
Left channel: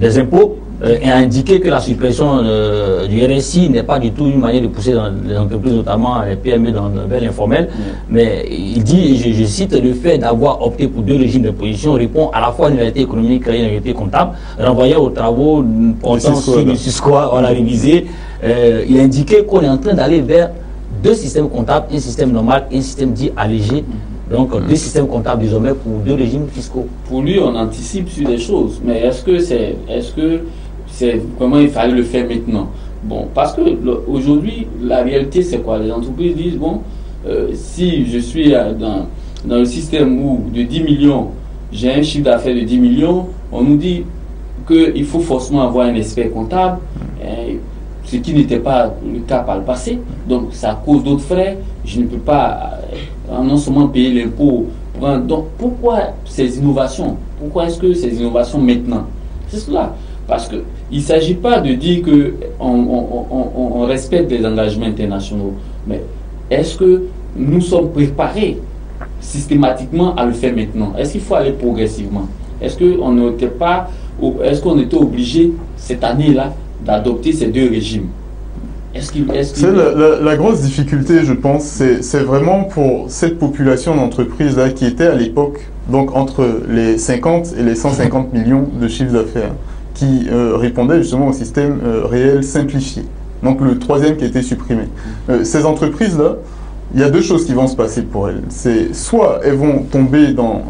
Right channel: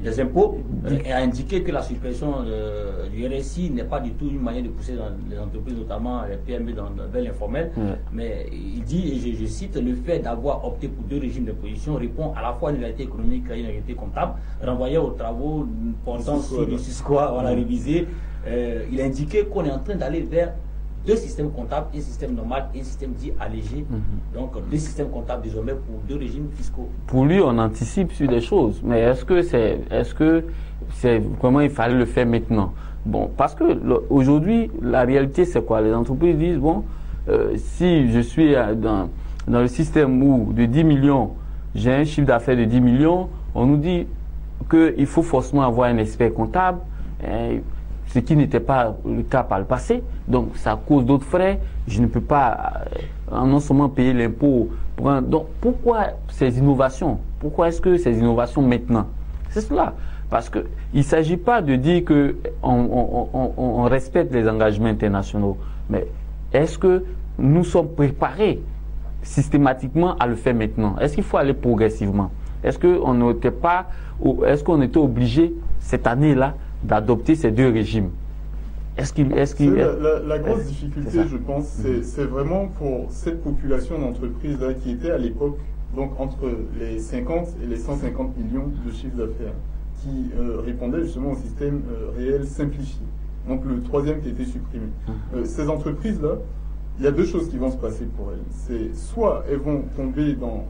des impôts, a indiqué que la suppression du RSI n'est pas du tout une manière de pousser dans les entreprises, notamment les PME vers l'informel, mais il dit, je cite, le fait d'avoir opté pour 2 régimes d'imposition répond à la fois à une réalité économique et à une réalité comptable, renvoyant aux travaux portant sur le SUSCOA, on l'a révisé. Il a indiqué qu'on est en train d'aller vers 2 systèmes comptables, un système normal et un système dit allégé. Donc 2 systèmes comptables désormais pour 2 régimes fiscaux. Pour lui, on anticipe sur des choses, mais est-ce que c'est comment il fallait le faire maintenant? Bon, parce que aujourd'hui, la réalité c'est quoi? Les entreprises disent bon, si je suis dans le système où de 10 millions, j'ai un chiffre d'affaires de 10 millions, on nous dit qu'il faut forcément avoir un expert comptable. Ce qui n'était pas le cas par le passé. Donc, ça cause d'autres frais. Je ne peux pas non seulement payer l'impôt. Donc, pourquoi ces innovations? Pourquoi est-ce que ces innovations maintenant? C'est cela. Parce qu'il ne s'agit pas de dire qu'on respecte les engagements internationaux. Mais est-ce que nous sommes préparés systématiquement à le faire maintenant? Est-ce qu'il faut aller progressivement? Est-ce qu'on était obligé cette année-là d'adopter ces 2 régimes? La grosse difficulté, je pense, c'est vraiment pour cette population d'entreprises-là qui était à l'époque, donc entre les 50 et les 150 millions de chiffre d'affaires, qui répondait justement au système réel simplifié. Donc le 3e qui a été supprimé. Ces entreprises-là, il y a 2 choses qui vont se passer pour elles. C'est soit elles vont tomber dans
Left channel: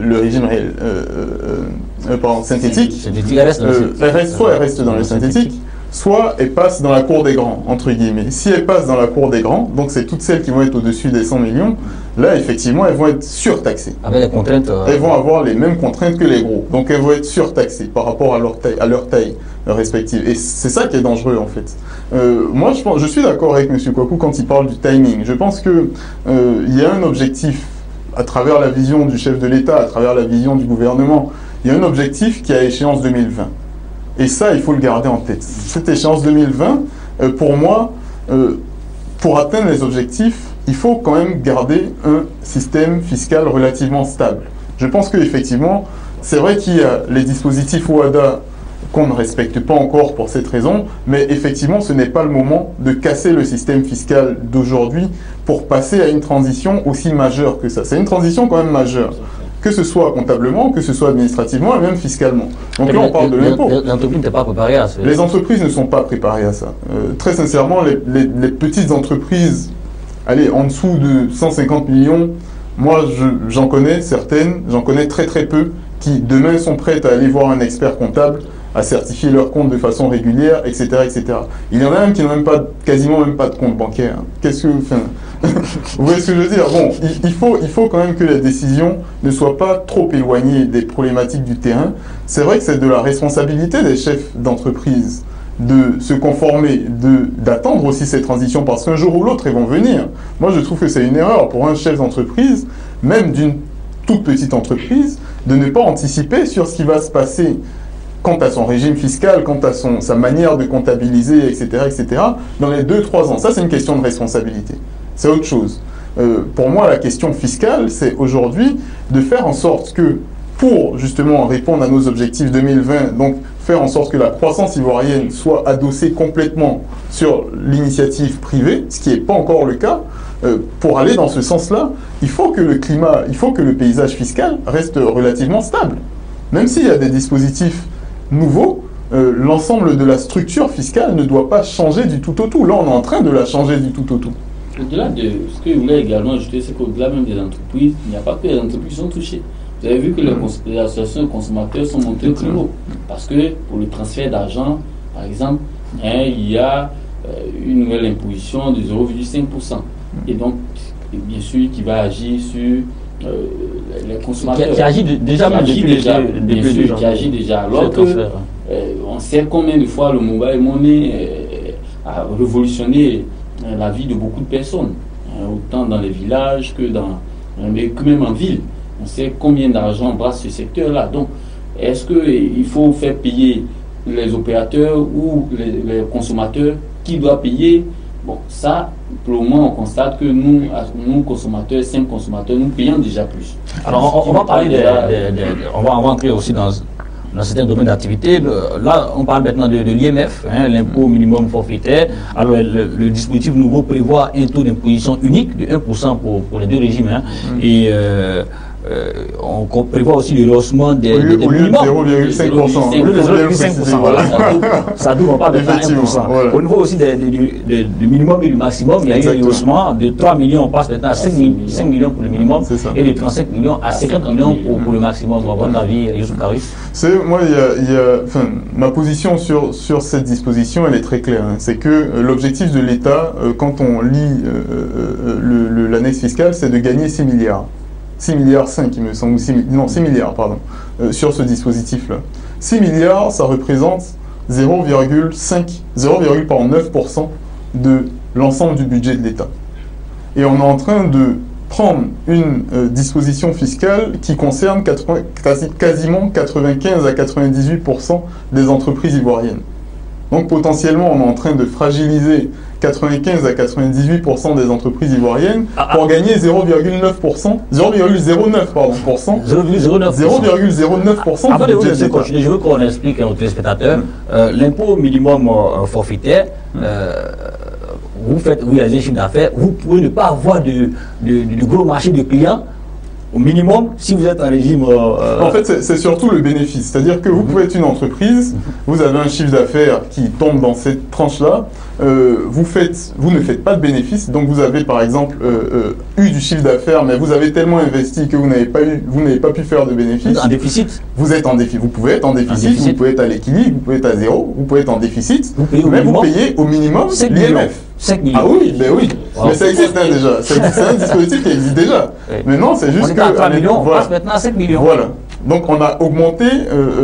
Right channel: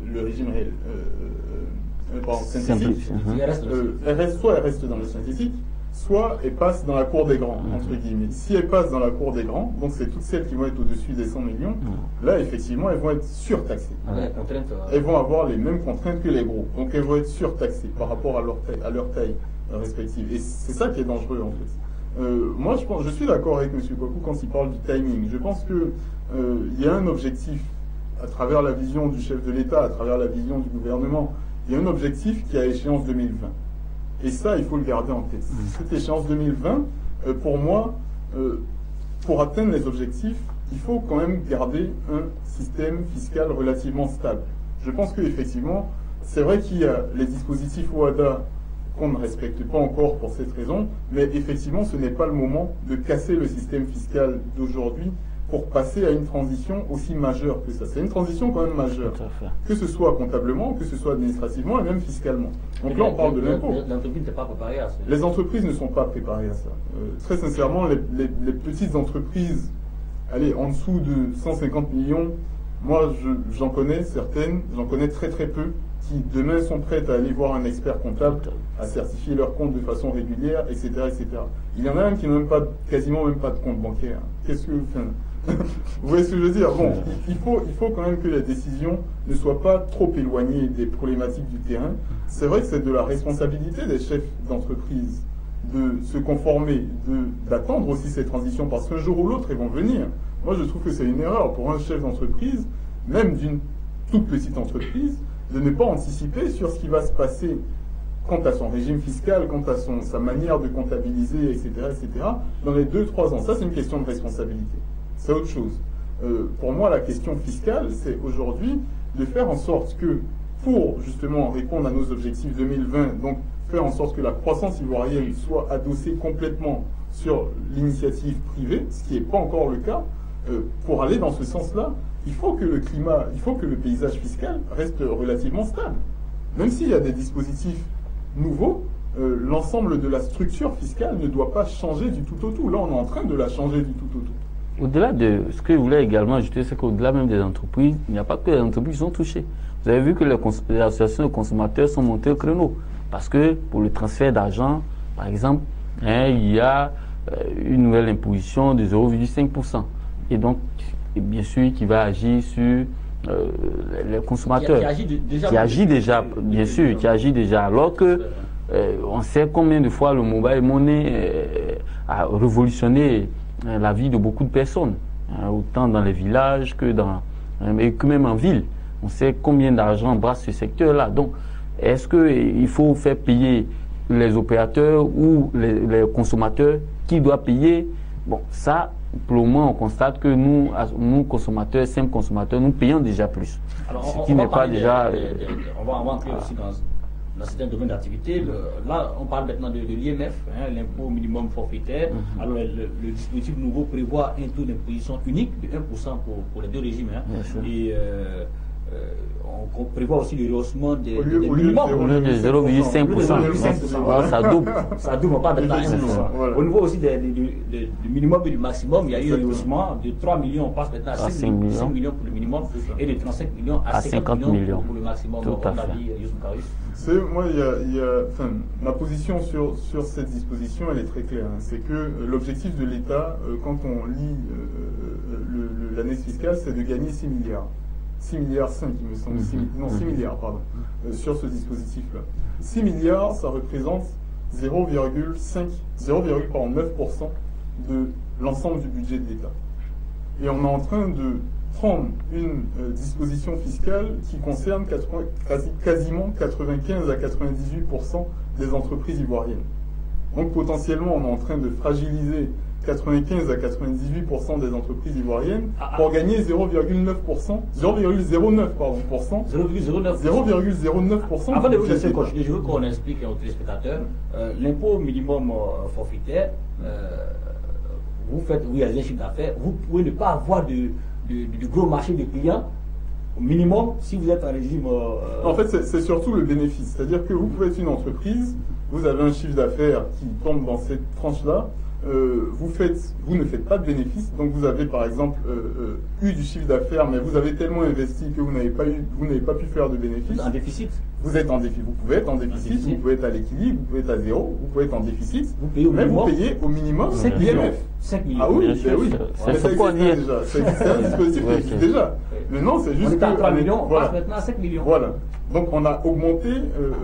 le régime réel, synthétique, soit elles restent dans le synthétique, soit elles passent dans la cour des grands, entre guillemets. Si elles passent dans la cour des grands, donc c'est toutes celles qui vont être au-dessus des 100 millions, là effectivement elles vont être surtaxées. Avec les contraintes. Elles vont avoir les mêmes contraintes que les gros, donc elles vont être surtaxées par rapport à leur taille respective. Et c'est ça qui est dangereux en fait. Moi je suis d'accord avec M. Kouakou quand il parle du timing. Je pense qu'il y a un objectif à travers la vision du chef de l'État, à travers la vision du gouvernement. Il y a un objectif qui est à échéance 2020. Et ça, il faut le garder en tête. Cette échéance 2020, pour moi, pour atteindre les objectifs, il faut quand même garder un système fiscal relativement stable. Je pense qu'effectivement, c'est vrai qu'il y a les dispositifs OHADA qu'on ne respecte pas encore pour cette raison, mais effectivement, ce n'est pas le moment de casser le système fiscal d'aujourd'hui pour passer à une transition aussi majeure que ça. C'est une transition quand même majeure, que ce soit comptablement, que ce soit administrativement et même fiscalement. Donc là, on parle de l'impôt. Les entreprises n'étaient pas préparées à ça. Les entreprises ne sont pas préparées à ça. Très sincèrement, les petites entreprises, allez, en dessous de 150 millions, moi, j'en connais certaines, j'en connais très très peu, qui demain sont prêtes à aller voir un expert comptable, à certifier leurs comptes de façon régulière, etc., etc. Il y en a même qui n'ont quasiment même pas de compte bancaire. Qu'est-ce que, vous voyez ce que je veux dire? Bon, il faut quand même que les décisions ne soient pas trop éloignées des problématiques du terrain. C'est vrai que c'est de la responsabilité des chefs d'entreprise de se conformer, d'attendre aussi ces transitions, parce qu'un jour ou l'autre, elles vont venir. Moi, je trouve que c'est une erreur pour un chef d'entreprise, même d'une toute petite entreprise, de ne pas anticiper sur ce qui va se passer quant à son régime fiscal, quant à sa manière de comptabiliser, etc., etc., dans les 2-3 ans. Ça, c'est une question de responsabilité. C'est autre chose. Pour moi, la question fiscale, c'est aujourd'hui de faire en sorte que pour justement répondre à nos objectifs 2020, donc faire en sorte que la croissance ivoirienne soit adossée complètement sur l'initiative privée, ce qui n'est pas encore le cas. Pour aller dans ce sens-là, il faut que le climat, il faut que le paysage fiscal reste relativement stable. Même s'il y a des dispositifs nouveaux, l'ensemble de la structure fiscale ne doit pas changer du tout au tout. Là, on est en train de la changer du tout au tout. Au-delà de ce que je voulais également ajouter, c'est qu'au-delà même des entreprises, il n'y a pas que les entreprises qui sont touchées. Vous avez vu que les associations de consommateurs sont montées au créneau. Parce que pour le transfert d'argent, par exemple, il y a une nouvelle imposition de 0,5%. Et donc, bien sûr, qui va agir sur les consommateurs. Qui agit déjà, bien sûr, qui agit déjà. Alors que on sait combien de fois le mobile money a révolutionné la vie de beaucoup de personnes, autant dans les villages que même en ville. On sait combien d'argent brasse ce secteur-là. Donc, est-ce qu'il faut faire payer les opérateurs ou les consommateurs? Qui doit payer? Bon, ça, pour le moment, on constate que nous consommateurs, 5 consommateurs, nous payons déjà plus. Alors, on va parler on va entrer aussi dans certains domaines d'activité. Là, on parle maintenant de l'IMF, l'impôt minimum forfaitaire. Alors, le dispositif nouveau prévoit un taux d'imposition unique de 1% pour les deux régimes. Et on prévoit aussi le rehaussement des minimums. 0,5%. Voilà, ça double, on parle de 1%. Voilà. Au niveau aussi du minimum et du maximum, il y a eu un rehaussement de 3 millions, on passe maintenant à 5 millions pour le minimum et de 35 millions à 50 millions pour le maximum. On va voir l'avis, Youssouf Karoui. Moi, ma position sur cette disposition, elle est très claire. C'est que l'objectif de l'État, quand on lit l'annexe fiscale, c'est de gagner 6 milliards. 6 milliards 5, il me semble, 6 milliards, pardon, sur ce dispositif-là. 6 milliards, ça représente 0,9% de l'ensemble du budget de l'État. Et on est en train de prendre une disposition fiscale qui concerne quasiment 95 à 98% des entreprises ivoiriennes. Donc potentiellement, on est en train de fragiliser 95 à 98% des entreprises ivoiriennes pour gagner 0,09%, 0,09%. 0,09%. Avant de vous continuer, je veux qu'on explique à nos téléspectateurs l'impôt minimum forfaitaire. Vous réalisez un chiffre d'affaires, vous pouvez ne pas avoir de gros marché de clients. Au minimum, si vous êtes en régime... En fait, c'est surtout le bénéfice. C'est-à-dire que vous pouvez être une entreprise, vous avez un chiffre d'affaires qui tombe dans cette tranche-là, vous ne faites pas de bénéfice, donc vous avez par exemple eu du chiffre d'affaires, mais vous avez tellement investi que vous n'avez pas pu faire de bénéfice. En déficit. Vous êtes en déficit. Vous pouvez être en déficit, vous pouvez être à l'équilibre, vous pouvez être à zéro, vous pouvez être en déficit, mais vous payez au minimum l'IMF. 5 millions. Ah oui, ben oui. Mais ça existe déjà. C'est un dispositif qui existe déjà. Mais non, c'est juste on est à 3 millions, on passe maintenant à 5 millions. Voilà. Donc on a augmenté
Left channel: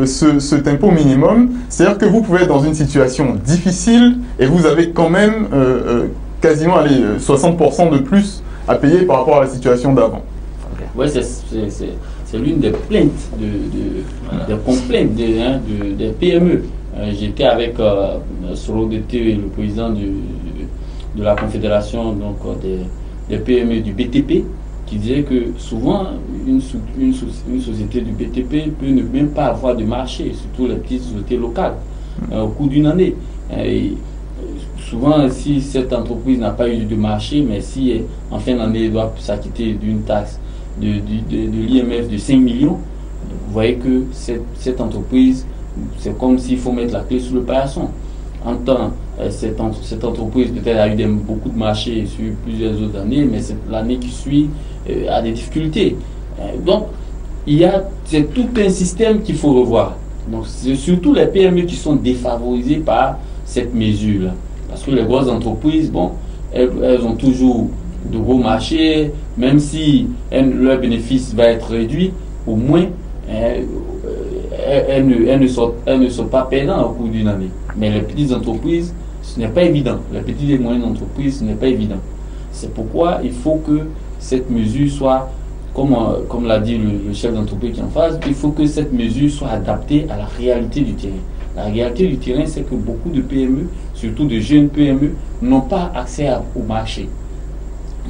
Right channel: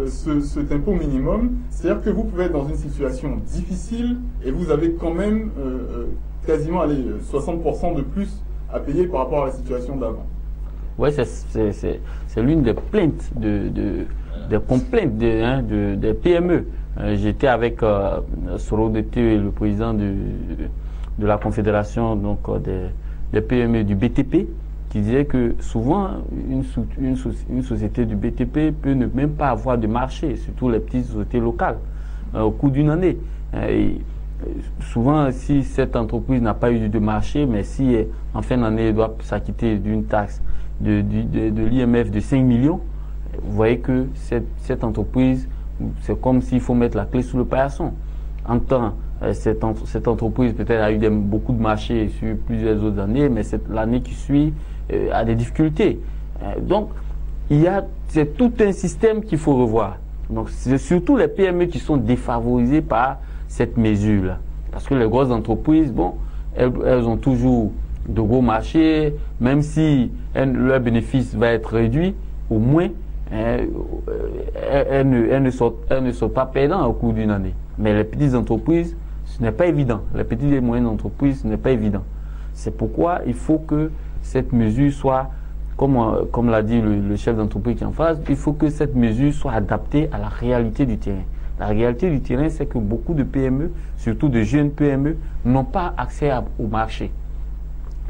cet impôt minimum. C'est-à-dire que vous pouvez être dans une situation difficile et vous avez quand même quasiment 60% de plus à payer par rapport à la situation d'avant. Oui, c'est l'une des plaintes, des complaintes des PME. J'étais avec Soro Dete, le président de la Confédération des PME du BTP, qui disait que souvent une société du BTP peut ne même pas avoir de marché, surtout les petites sociétés locales, au cours d'une année. Souvent, si cette entreprise n'a pas eu de marché, mais si en fin d'année elle doit s'acquitter d'une taxe de l'IMF de 5 millions, vous voyez que cette entreprise, c'est comme s'il faut mettre la clé sous le paillasson. En temps, cette entreprise peut-être a eu beaucoup de marchés sur plusieurs autres années, mais l'année qui suit a des difficultés. Donc, c'est tout un système qu'il faut revoir. Donc, c'est surtout les PME qui sont défavorisées par cette mesure-là. Parce que les grosses entreprises, bon, elles ont toujours de gros marchés, même si leur bénéfice va être réduit, au moins, elles ne sont pas perdantes au cours d'une année. Mais les petites entreprises, ce n'est pas évident. Les petites et moyennes entreprises, ce n'est pas évident. C'est pourquoi il faut que cette mesure soit, comme l'a dit le chef d'entreprise qui est en face, il faut que cette mesure soit adaptée à la réalité du terrain. La réalité du terrain, c'est que beaucoup de PME, surtout de jeunes PME, n'ont pas accès au marché.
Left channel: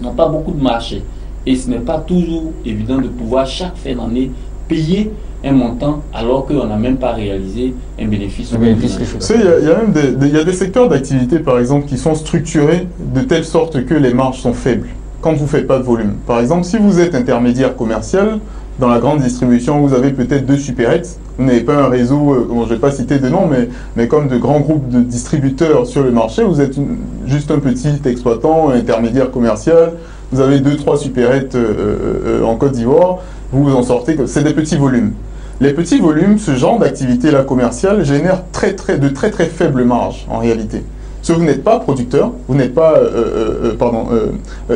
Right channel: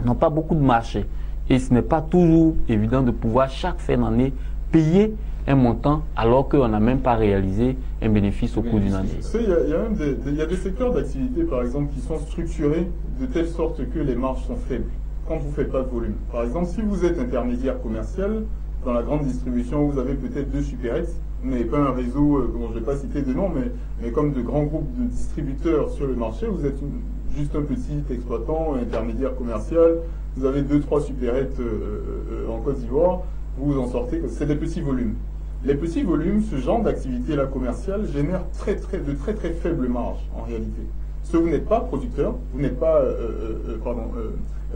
N'ont pas beaucoup de marché. Et ce n'est pas toujours évident de pouvoir chaque fin d'année payer un montant alors qu'on n'a même pas réalisé un bénéfice. Il y a même des secteurs d'activité, par exemple, qui sont structurés de telle sorte que les marges sont faibles quand vous ne faites pas de volume. Par exemple, si vous êtes intermédiaire commercial, dans la grande distribution, vous avez peut-être 2 supérettes. Vous n'avez pas un réseau, je ne vais pas citer de nom, mais comme de grands groupes de distributeurs sur le marché, vous êtes juste un petit exploitant, intermédiaire commercial. Vous avez 2-3 supérettes en Côte d'Ivoire. Vous vous en sortez. C'est des petits volumes. Les petits volumes, ce genre d'activité-là commerciale génère de très très faibles marges en réalité. Parce que vous n'êtes pas producteur, vous n'êtes pas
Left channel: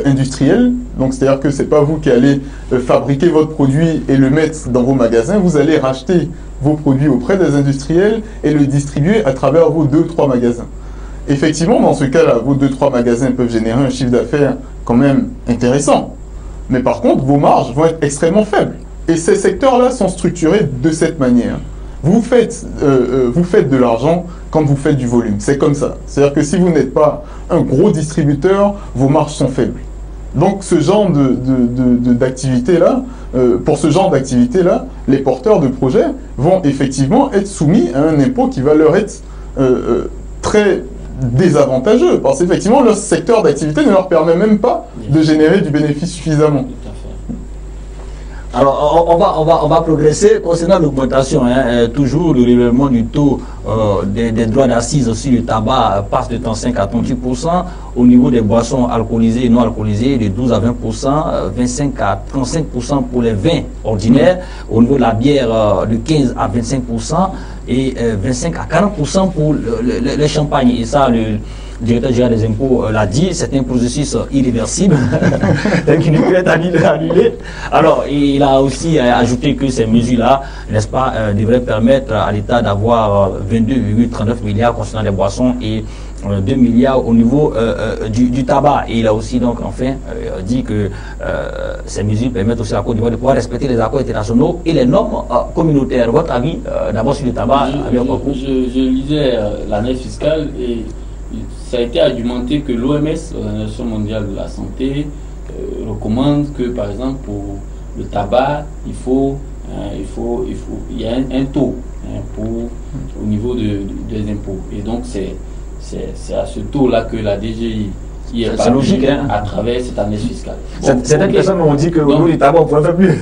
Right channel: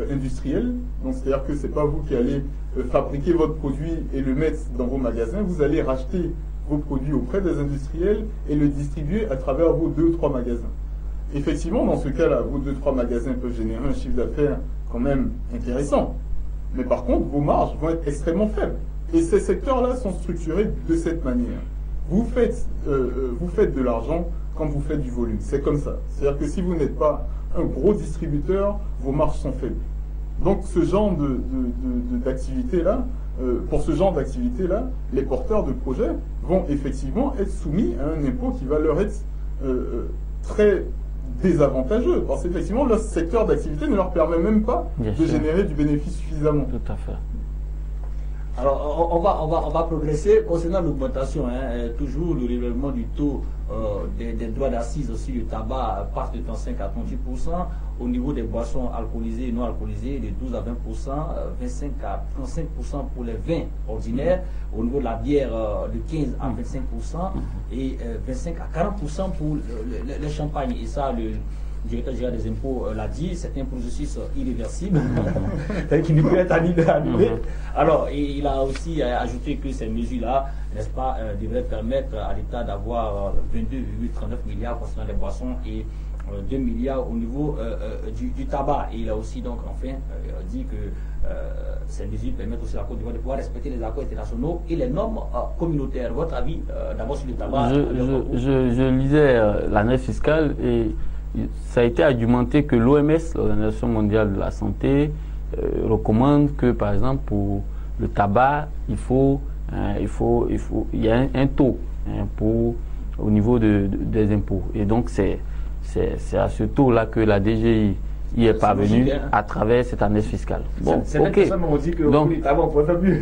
industriel, donc c'est-à-dire que ce n'est pas vous qui allez fabriquer votre produit et le mettre dans vos magasins, vous allez racheter vos produits auprès des industriels et le distribuer à travers vos 2-3 magasins. Effectivement, dans ce cas-là, vos 2-3 magasins peuvent générer un chiffre d'affaires quand même intéressant, mais par contre, vos marges vont être extrêmement faibles. Et ces secteurs-là sont structurés de cette manière. Vous faites de l'argent quand vous faites du volume. C'est comme ça. C'est-à-dire que si vous n'êtes pas un gros distributeur, vos marges sont faibles. Donc ce genre d'activité-là, pour ce genre d'activité-là, les porteurs de projets vont effectivement être soumis à un impôt qui va leur être très désavantageux. Parce qu'effectivement, leur secteur d'activité ne leur permet même pas de générer du bénéfice suffisamment. Tout à fait. Alors, on va progresser concernant l'augmentation. Toujours le relèvement du taux des droits d'assises sur le tabac passe de 35 à 38%. Au niveau des boissons alcoolisées et non alcoolisées, de 12 à 20%, 25 à 35% pour les vins ordinaires. Au niveau de la bière, de 15 à 25% et 25 à 40% pour les champagnes. Et ça, le directeur général des impôts l'a dit, c'est un processus irréversible qui ne peut être annulé. Alors, il a aussi ajouté que ces mesures-là, n'est-ce pas, devraient permettre à l'État d'avoir 22,39 milliards concernant les boissons et 2 milliards au niveau du tabac. Et il a aussi donc enfin dit que ces mesures permettent aussi à la Côte d'Ivoire de pouvoir respecter les accords internationaux et les normes communautaires. Votre avis d'abord sur le tabac? Je lisais l'année fiscale et ça a été argumenté que l'OMS, l'Organisation mondiale de la santé, recommande que, par exemple, pour le tabac, il y a un taux au niveau des impôts. Et donc, c'est à ce taux-là que la DGI est parvenue à travers cette année fiscale. Certaines personnes m'ont dit que au niveau du tabac, on pourrait faire mieux.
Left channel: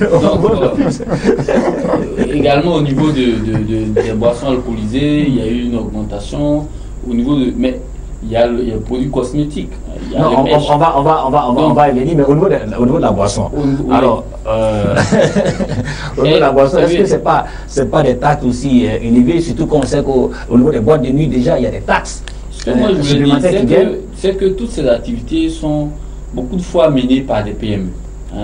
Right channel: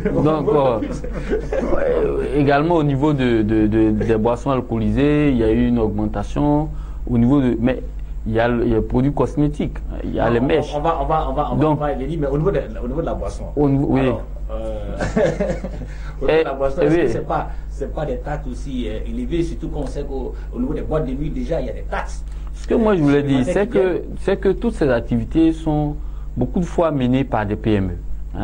Également, au niveau des boissons alcoolisées, il y a eu une augmentation. Au niveau de... Mais, il y a les produits cosmétiques. On va y venir, mais au niveau de la boisson. Alors, au niveau de la boisson, est-ce que c'est pas des taxes aussi élevées, surtout qu'on sait qu'au niveau des boîtes de nuit, déjà, il y a des taxes. Ce que moi je veux dire, c'est que toutes ces activités sont beaucoup de fois menées par des PME.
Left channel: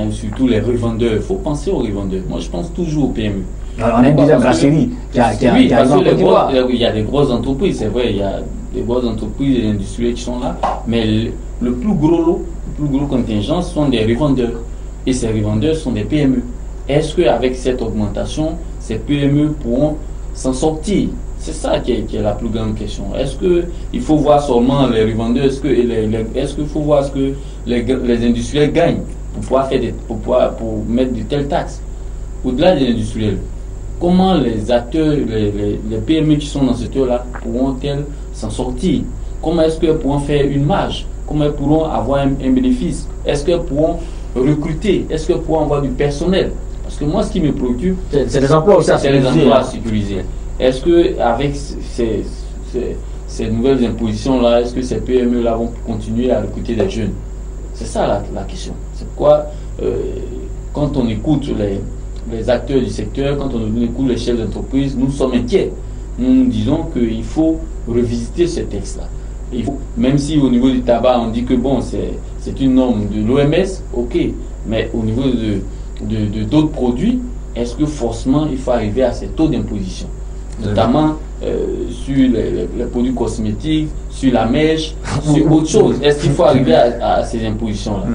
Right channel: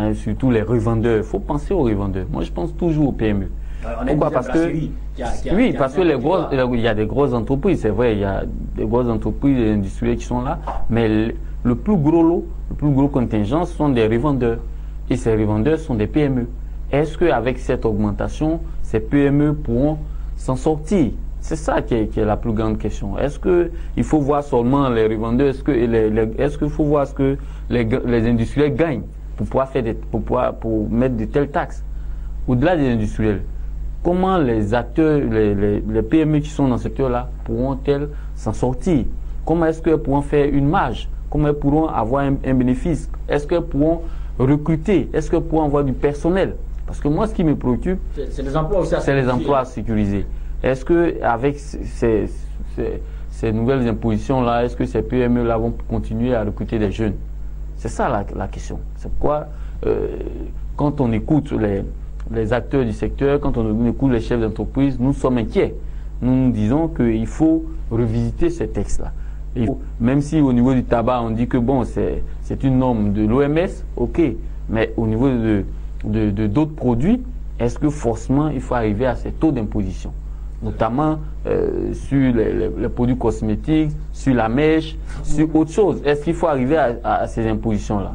Surtout les revendeurs. Il faut penser aux revendeurs. Moi, je pense toujours aux PME. Alors, on a une brasserie qui a oui, parce que il y a des grosses entreprises, c'est vrai, il y a des grosses entreprises et industrielles qui sont là, mais le plus gros contingent sont des revendeurs. Et ces revendeurs sont des PME. Est-ce qu'avec cette augmentation, ces PME pourront s'en sortir? C'est ça qui est la plus grande question. Est-ce qu'il faut voir seulement les revendeurs? Est-ce qu'il faut voir ce que les industriels gagnent pour mettre de telles taxes? Au-delà des industriels, comment les acteurs, les PME qui sont dans ce secteur-là pourront-elles s'en sortir? Comment est-ce qu'elles pourront faire une marge? Comment elles pourront avoir un bénéfice? Est-ce qu'elles pourront recruter? Est-ce qu'elles pourront avoir du personnel? Parce que moi, ce qui me préoccupe, c'est les emplois aussi à sécuriser. C'est les emplois à sécuriser. Est-ce qu'avec ces nouvelles impositions-là, est-ce que ces PME-là vont continuer à recruter des jeunes? C'est ça la question. C'est quoi, quand on écoute les acteurs du secteur, quand on écoute les chefs d'entreprise, nous sommes inquiets. Nous disons qu'il faut revisiter ce texte-là. Même si au niveau du tabac, on dit que bon, c'est une norme de l'OMS, ok, mais au niveau de d'autres produits, est-ce que forcément il faut arriver à ces taux d'imposition? Notamment sur les produits cosmétiques, sur la mèche, sur autre chose. Est-ce qu'il faut arriver à ces impositions-là?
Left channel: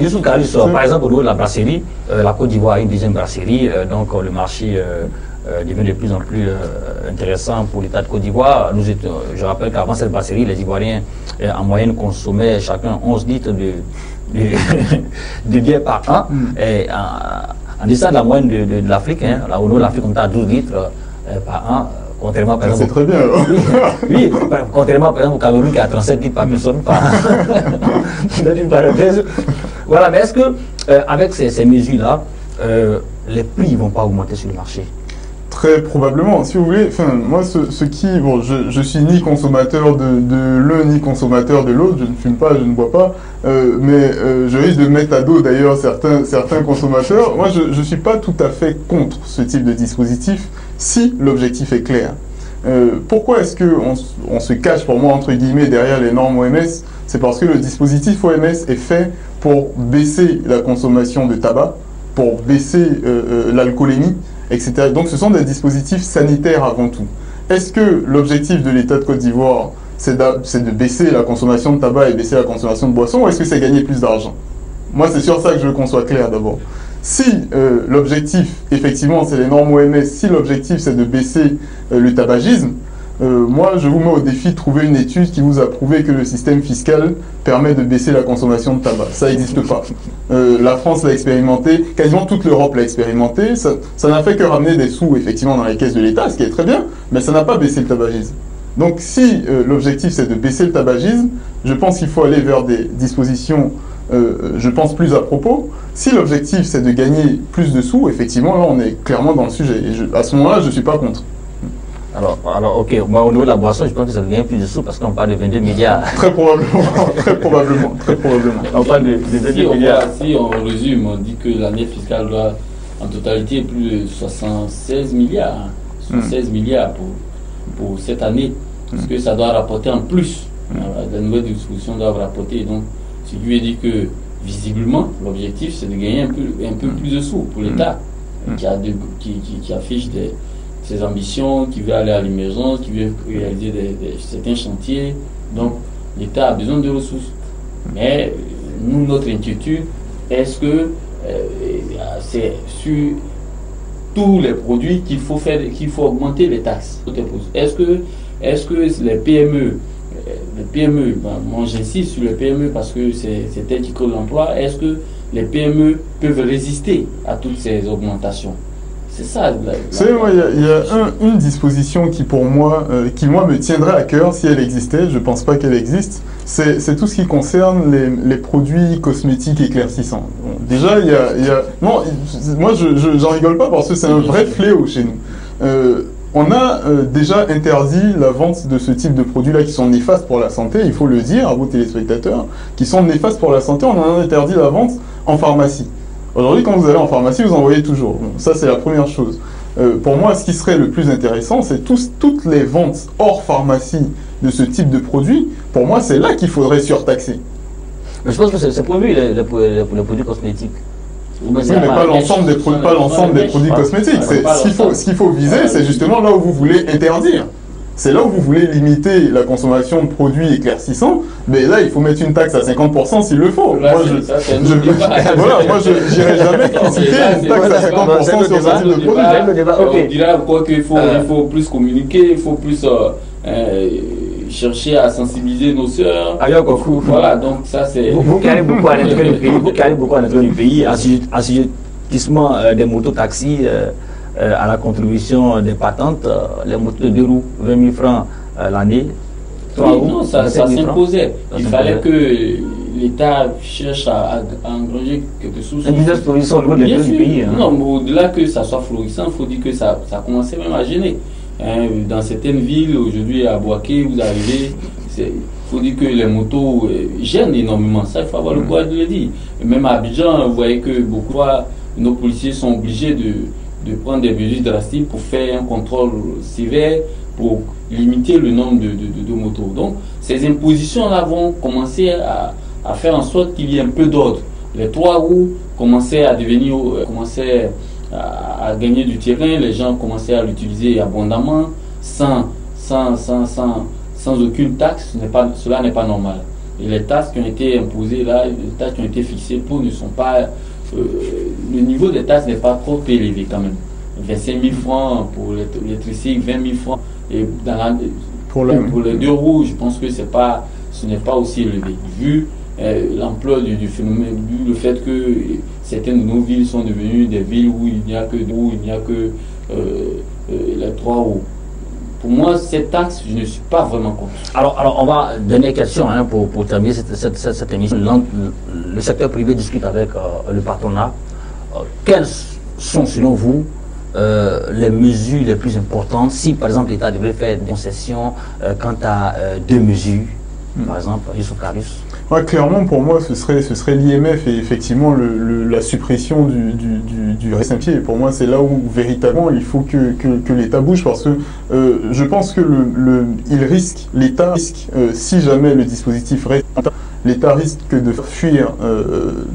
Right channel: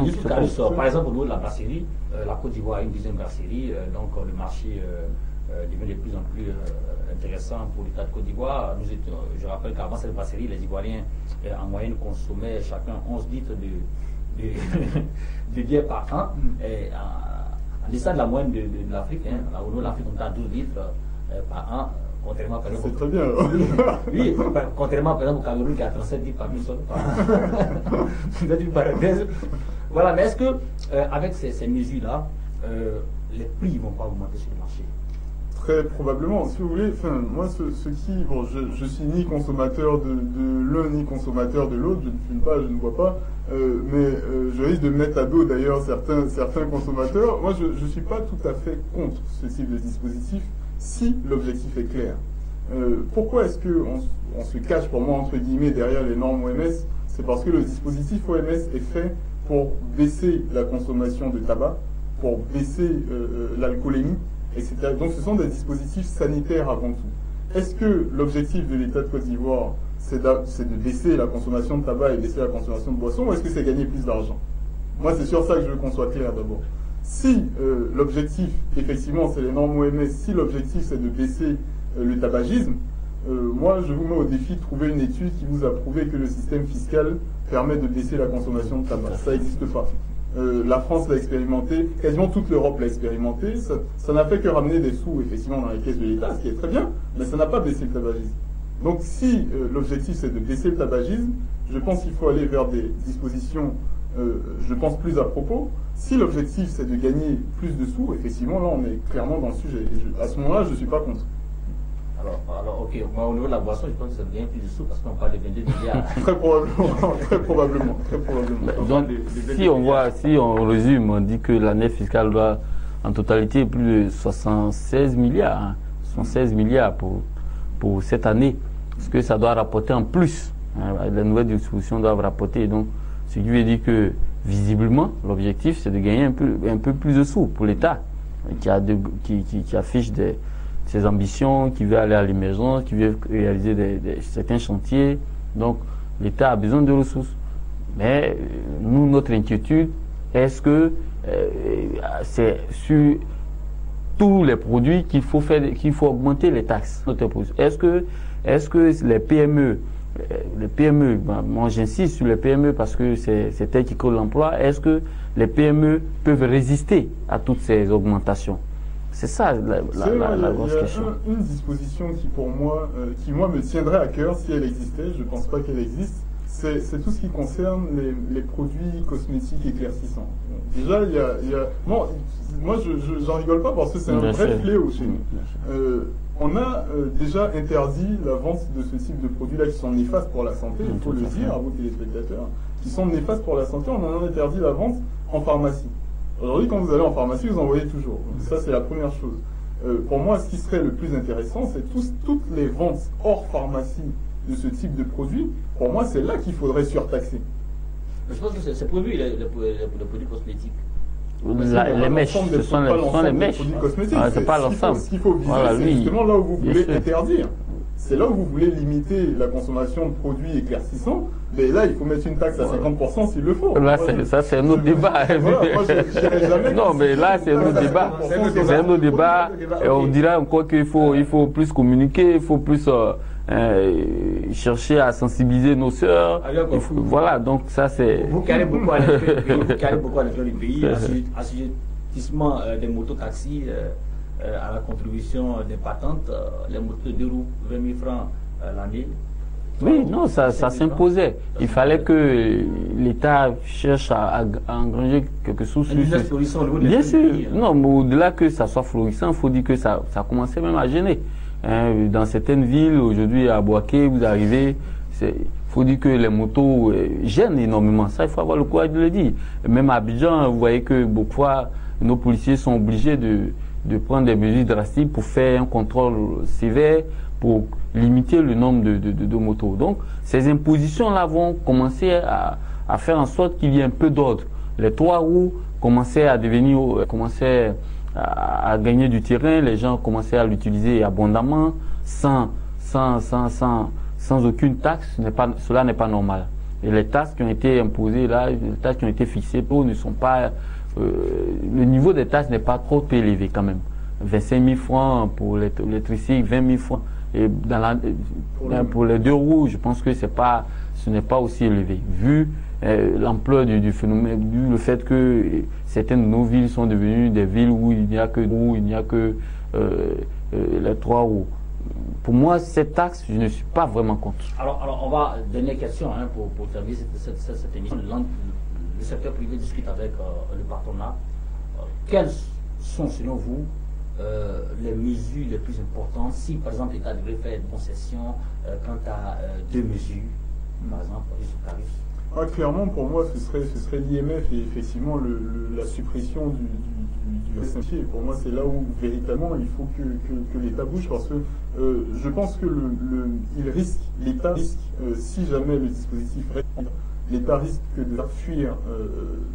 Youssouf Karis, par exemple, au niveau de la brasserie, la Côte d'Ivoire a une deuxième brasserie, donc le marché devient de plus en plus intéressant pour l'État de Côte d'Ivoire. Je rappelle qu'avant cette brasserie, les Ivoiriens en moyenne consommaient chacun 11 litres de bière par an. Et en deçà de la moyenne de l'Afrique. Hein. Là, au nord de l'Afrique, on est à 12 litres par an. Contrairement, par exemple, c'est très bien. Alors. Oui, contrairement par exemple au Cameroun qui a 37 litres par personne par une parenthèse. Voilà, mais est-ce que avec ces mesures-là, les prix ne vont pas augmenter sur le marché? Très probablement. Si vous voulez, enfin, moi, bon, je suis ni consommateur de l'un ni consommateur de l'autre, je ne fume pas, je ne bois pas, mais je risque de mettre à dos d'ailleurs certains consommateurs. Moi, je ne suis pas tout à fait contre ce type de dispositif si l'objectif est clair. Pourquoi est-ce qu'on se cache, pour moi, entre guillemets, derrière les normes OMS? C'est parce que le dispositif OMS est fait pour baisser la consommation de tabac, pour baisser l'alcoolémie, etc. Donc ce sont des dispositifs sanitaires avant tout. Est-ce que l'objectif de l'État de Côte d'Ivoire, c'est de baisser la consommation de tabac et baisser la consommation de boissons, ou est-ce que c'est gagner plus d'argent? Moi, c'est sur ça que je veux qu'on soit clair d'abord. Si l'objectif, effectivement, c'est les normes OMS, si l'objectif c'est de baisser le tabagisme, moi, je vous mets au défi de trouver une étude qui vous a prouvé que le système fiscal permet de baisser la consommation de tabac. Ça n'existe pas. La France l'a expérimenté, quasiment toute l'Europe l'a expérimenté. Ça n'a fait que ramener des sous, effectivement, dans les caisses de l'État, ce qui est très bien, mais ça n'a pas baissé le tabagisme. Donc, si l'objectif, c'est de baisser le tabagisme, je pense qu'il faut aller vers des dispositions, je pense, plus à propos. Si l'objectif, c'est de gagner plus de sous, effectivement, là, on est clairement dans le sujet. Et à ce moment-là, je ne suis pas contre. Alors, ok, moi, au niveau de la boisson, je pense que ça devient plus de sous parce qu'on parle de 22 milliards. Très probablement, très probablement. On parle de 22 milliards. Si on résume, on dit que l'année fiscale doit en totalité plus de 76 milliards. 76 milliards pour cette année, parce que ça doit rapporter en plus. La nouvelle distribution doit rapporter. Donc, ce qui veut dire que, visiblement, l'objectif, c'est de gagner un peu plus de sous pour l'État, qui affiche ses ambitions, qui veut aller à l'émergence, qui veut réaliser certains chantiers. Donc, l'État a besoin de ressources. Mais nous, notre inquiétude, est-ce que c'est sur tous les produits qu'il faut augmenter les taxes? Est-ce que les PME, moi j'insiste sur les PME parce que c'est elles qui créent l'emploi, est-ce que les PME peuvent résister à toutes ces augmentations? C'est ça. Il y a une disposition qui, pour moi, me tiendrait à cœur si elle existait. Je ne pense pas qu'elle existe. C'est tout ce qui concerne les produits cosmétiques éclaircissants. Bon, déjà, non, moi, j'en rigole pas parce que c'est un vrai fléau chez nous. On a déjà interdit la vente de ce type de produits-là qui sont néfastes pour la santé, il faut le dire à vos téléspectateurs, qui sont néfastes pour la santé. On en a interdit la vente en pharmacie. Aujourd'hui, quand vous allez en pharmacie, vous en voyez toujours. Bon, ça, c'est la première chose. Pour moi, ce qui serait le plus intéressant, c'est toutes les ventes hors pharmacie de ce type de produits. Pour moi, c'est là qu'il faudrait surtaxer. Mais je pense que c'est prévu, les produits cosmétiques. Oui, mais pas l'ensemble des produits cosmétiques. Ce qu'il faut viser, c'est justement là où vous voulez interdire. C'est là où vous voulez limiter la consommation de produits éclaircissants, mais là, il faut mettre une taxe à 50% s'il le faut. Moi, je n'irai jamais critiquer une taxe à 50% sur ce type de produit. On dirait encore qu'il faut plus communiquer, il faut plus chercher à sensibiliser nos sœurs. Voilà, donc ça c'est... Vous qui allez beaucoup à l'intérieur du pays, assujettissement des mototaxis, à la contribution des patentes, les motos de 2 roues, 20 000 francs l'année. Non, ça s'imposait. Il fallait que l'État cherche à engranger quelque chose. Bien sûr. Non, mais au-delà que ça soit florissant, il faut dire que ça commençait même à gêner. Dans certaines villes, aujourd'hui à Boaké, vous arrivez, il faut dire que les motos gênent énormément. Ça, il faut avoir le courage de le dire. Et même à Abidjan, vous voyez que beaucoup fois, nos policiers sont obligés de prendre des mesures drastiques pour faire un contrôle sévère, pour limiter le nombre de motos. Donc, ces impositions-là vont commencer à faire en sorte qu'il y ait un peu d'ordre. Les 3 roues commençaient à gagner du terrain, les gens commençaient à l'utiliser abondamment, sans aucune taxe. Cela n'est pas normal. Et les taxes qui ont été imposées là, les taxes qui ont été fixées pour ne sont pas... le niveau des taxes n'est pas trop élevé quand même. 25 000 francs pour les tricycles, 20 000 francs. Et pour les 2 roues, je pense que ce n'est pas aussi élevé. Vu l'ampleur du phénomène, le fait que certaines de nos villes sont devenues des villes où il n'y a que électorat. Pour moi, cette taxe, je ne suis pas vraiment contre. Alors on va donner question hein, pour terminer cette émission. Le secteur privé discute avec le patronat. Quelles sont, selon vous, les mesures les plus importantes si, par exemple, l'État devait faire des concessions quant à deux mesures, par exemple, Youssouf Karius? Ouais, clairement, pour moi, ce serait l'IMF et effectivement la suppression du Saint-Pierre. Pour moi, c'est là où véritablement il faut que l'État bouge parce que je pense que l'État risque, si jamais le dispositif reste, l'État risque de faire fuir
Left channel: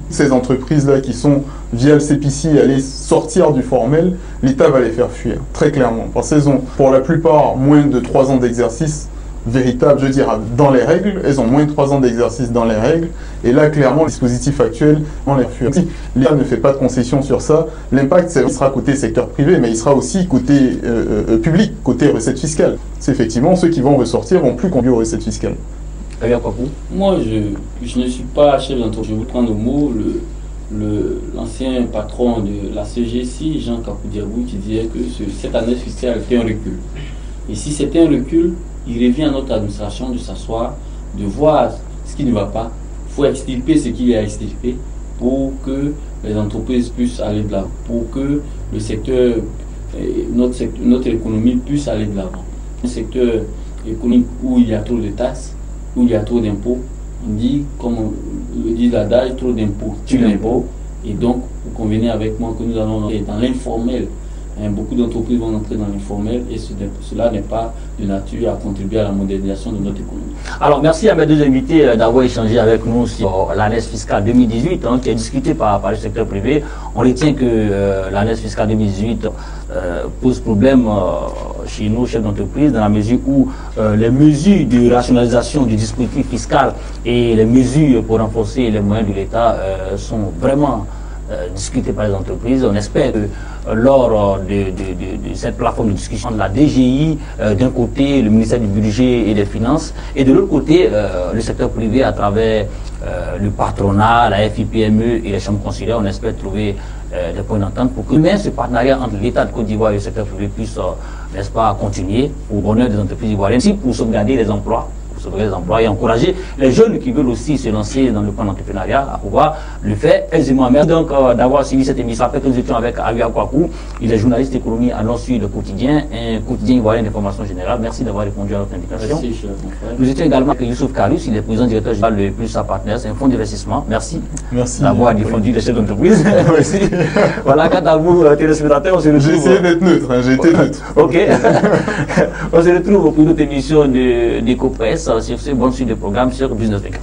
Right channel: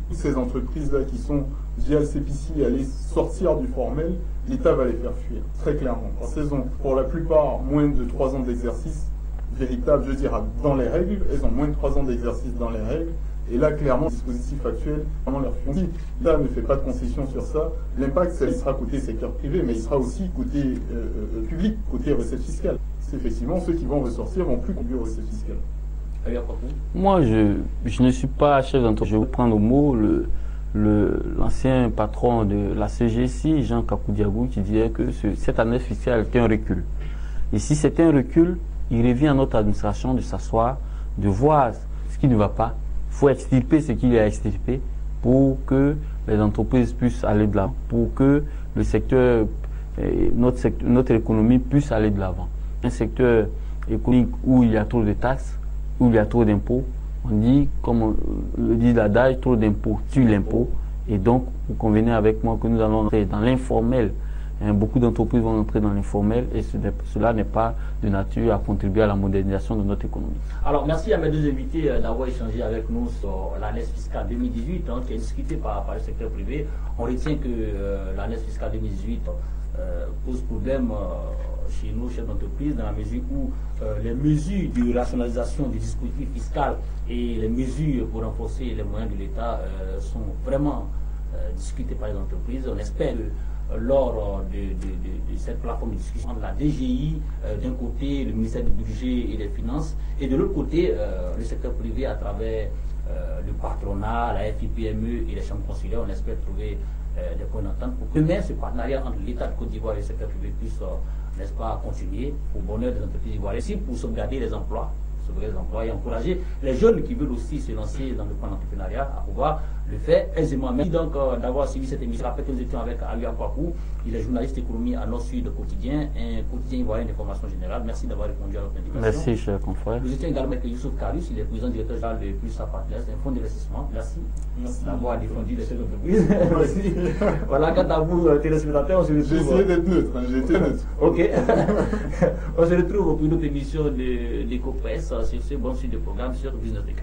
ces entreprises-là qui sont via le CPC aller sortir du formel. L'État va les faire fuir, très clairement. Parce qu'elles ont, pour la plupart, moins de 3 ans d'exercice véritable, je dirais, dans les règles. Elles ont moins de 3 ans d'exercice dans les règles. Et là, clairement, le dispositif actuel, on les fuit. Si l'État ne fait pas de concession sur ça, l'impact sera côté secteur privé, mais il sera aussi côté public, côté recettes fiscales. C'est effectivement ceux qui vont ressortir vont plus conduire aux recettes fiscales. Moi, je ne suis pas chef d'entreprise. Je vous prends le mot, l'ancien patron de la CGC, Jean Kakoudiabou, qui disait que cette année fiscale était un recul. Et si c'était un recul, il revient à notre administration de s'asseoir, de voir ce qui ne va pas. Il faut extirper ce qui est à extirper pour que les entreprises puissent aller de l'avant, pour que le secteur, notre économie puisse aller de l'avant. Un secteur économique où il y a trop de taxes, où il y a trop d'impôts, on dit, comme le dit l'adage, trop d'impôts tue l'impôt. Et donc, vous convenez avec moi que nous allons être dans l'informel. Beaucoup d'entreprises vont entrer dans l'informel et cela n'est pas de nature à contribuer à la modernisation de notre économie. Alors, merci à mes deux invités d'avoir échangé avec nous sur l'année fiscale 2018 qui est discutée par le secteur privé. On retient que l'année fiscale 2018 pose problème chez nous, chefs d'entreprise, dans la mesure où les mesures de rationalisation du dispositif fiscal et les mesures pour renforcer les moyens de l'État sont vraiment discutées par les entreprises. On espère que lors de cette plateforme de discussion de la DGI, d'un côté le ministère du Budget et des Finances, et de l'autre côté le secteur privé à travers le patronat, la FIPME et les chambres consulaires, on espère trouver des points d'entente pour que même ce partenariat entre l'État de Côte d'Ivoire et le secteur privé puisse, n'est-ce pas, continuer au bonheur des entreprises ivoiriennes, aussi pour sauvegarder les emplois. Et encourager les jeunes qui veulent aussi se lancer dans le plan d'entrepreneuriat à pouvoir le faire aisément. Merci donc d'avoir suivi cette émission. Après que nous étions avec Avia Kwaku, il est journaliste économie à Nord-Sud le quotidien, un quotidien ivoirien d'information générale. Merci d'avoir répondu à notre invitation. Merci, nous étions également avec Youssouf Karius, il est président directeur général de Plus à Partners, un fonds d'investissement. Merci d'avoir défendu les chefs d'entreprise. Merci. Voilà, quant à vous, téléspectateurs, on se retrouve. J'ai essayé d'être neutre, j'ai été neutre. Ok. On se retrouve pour une autre émission d'EcoPresse. Sur ce, bonne suite de programme sur Business 24.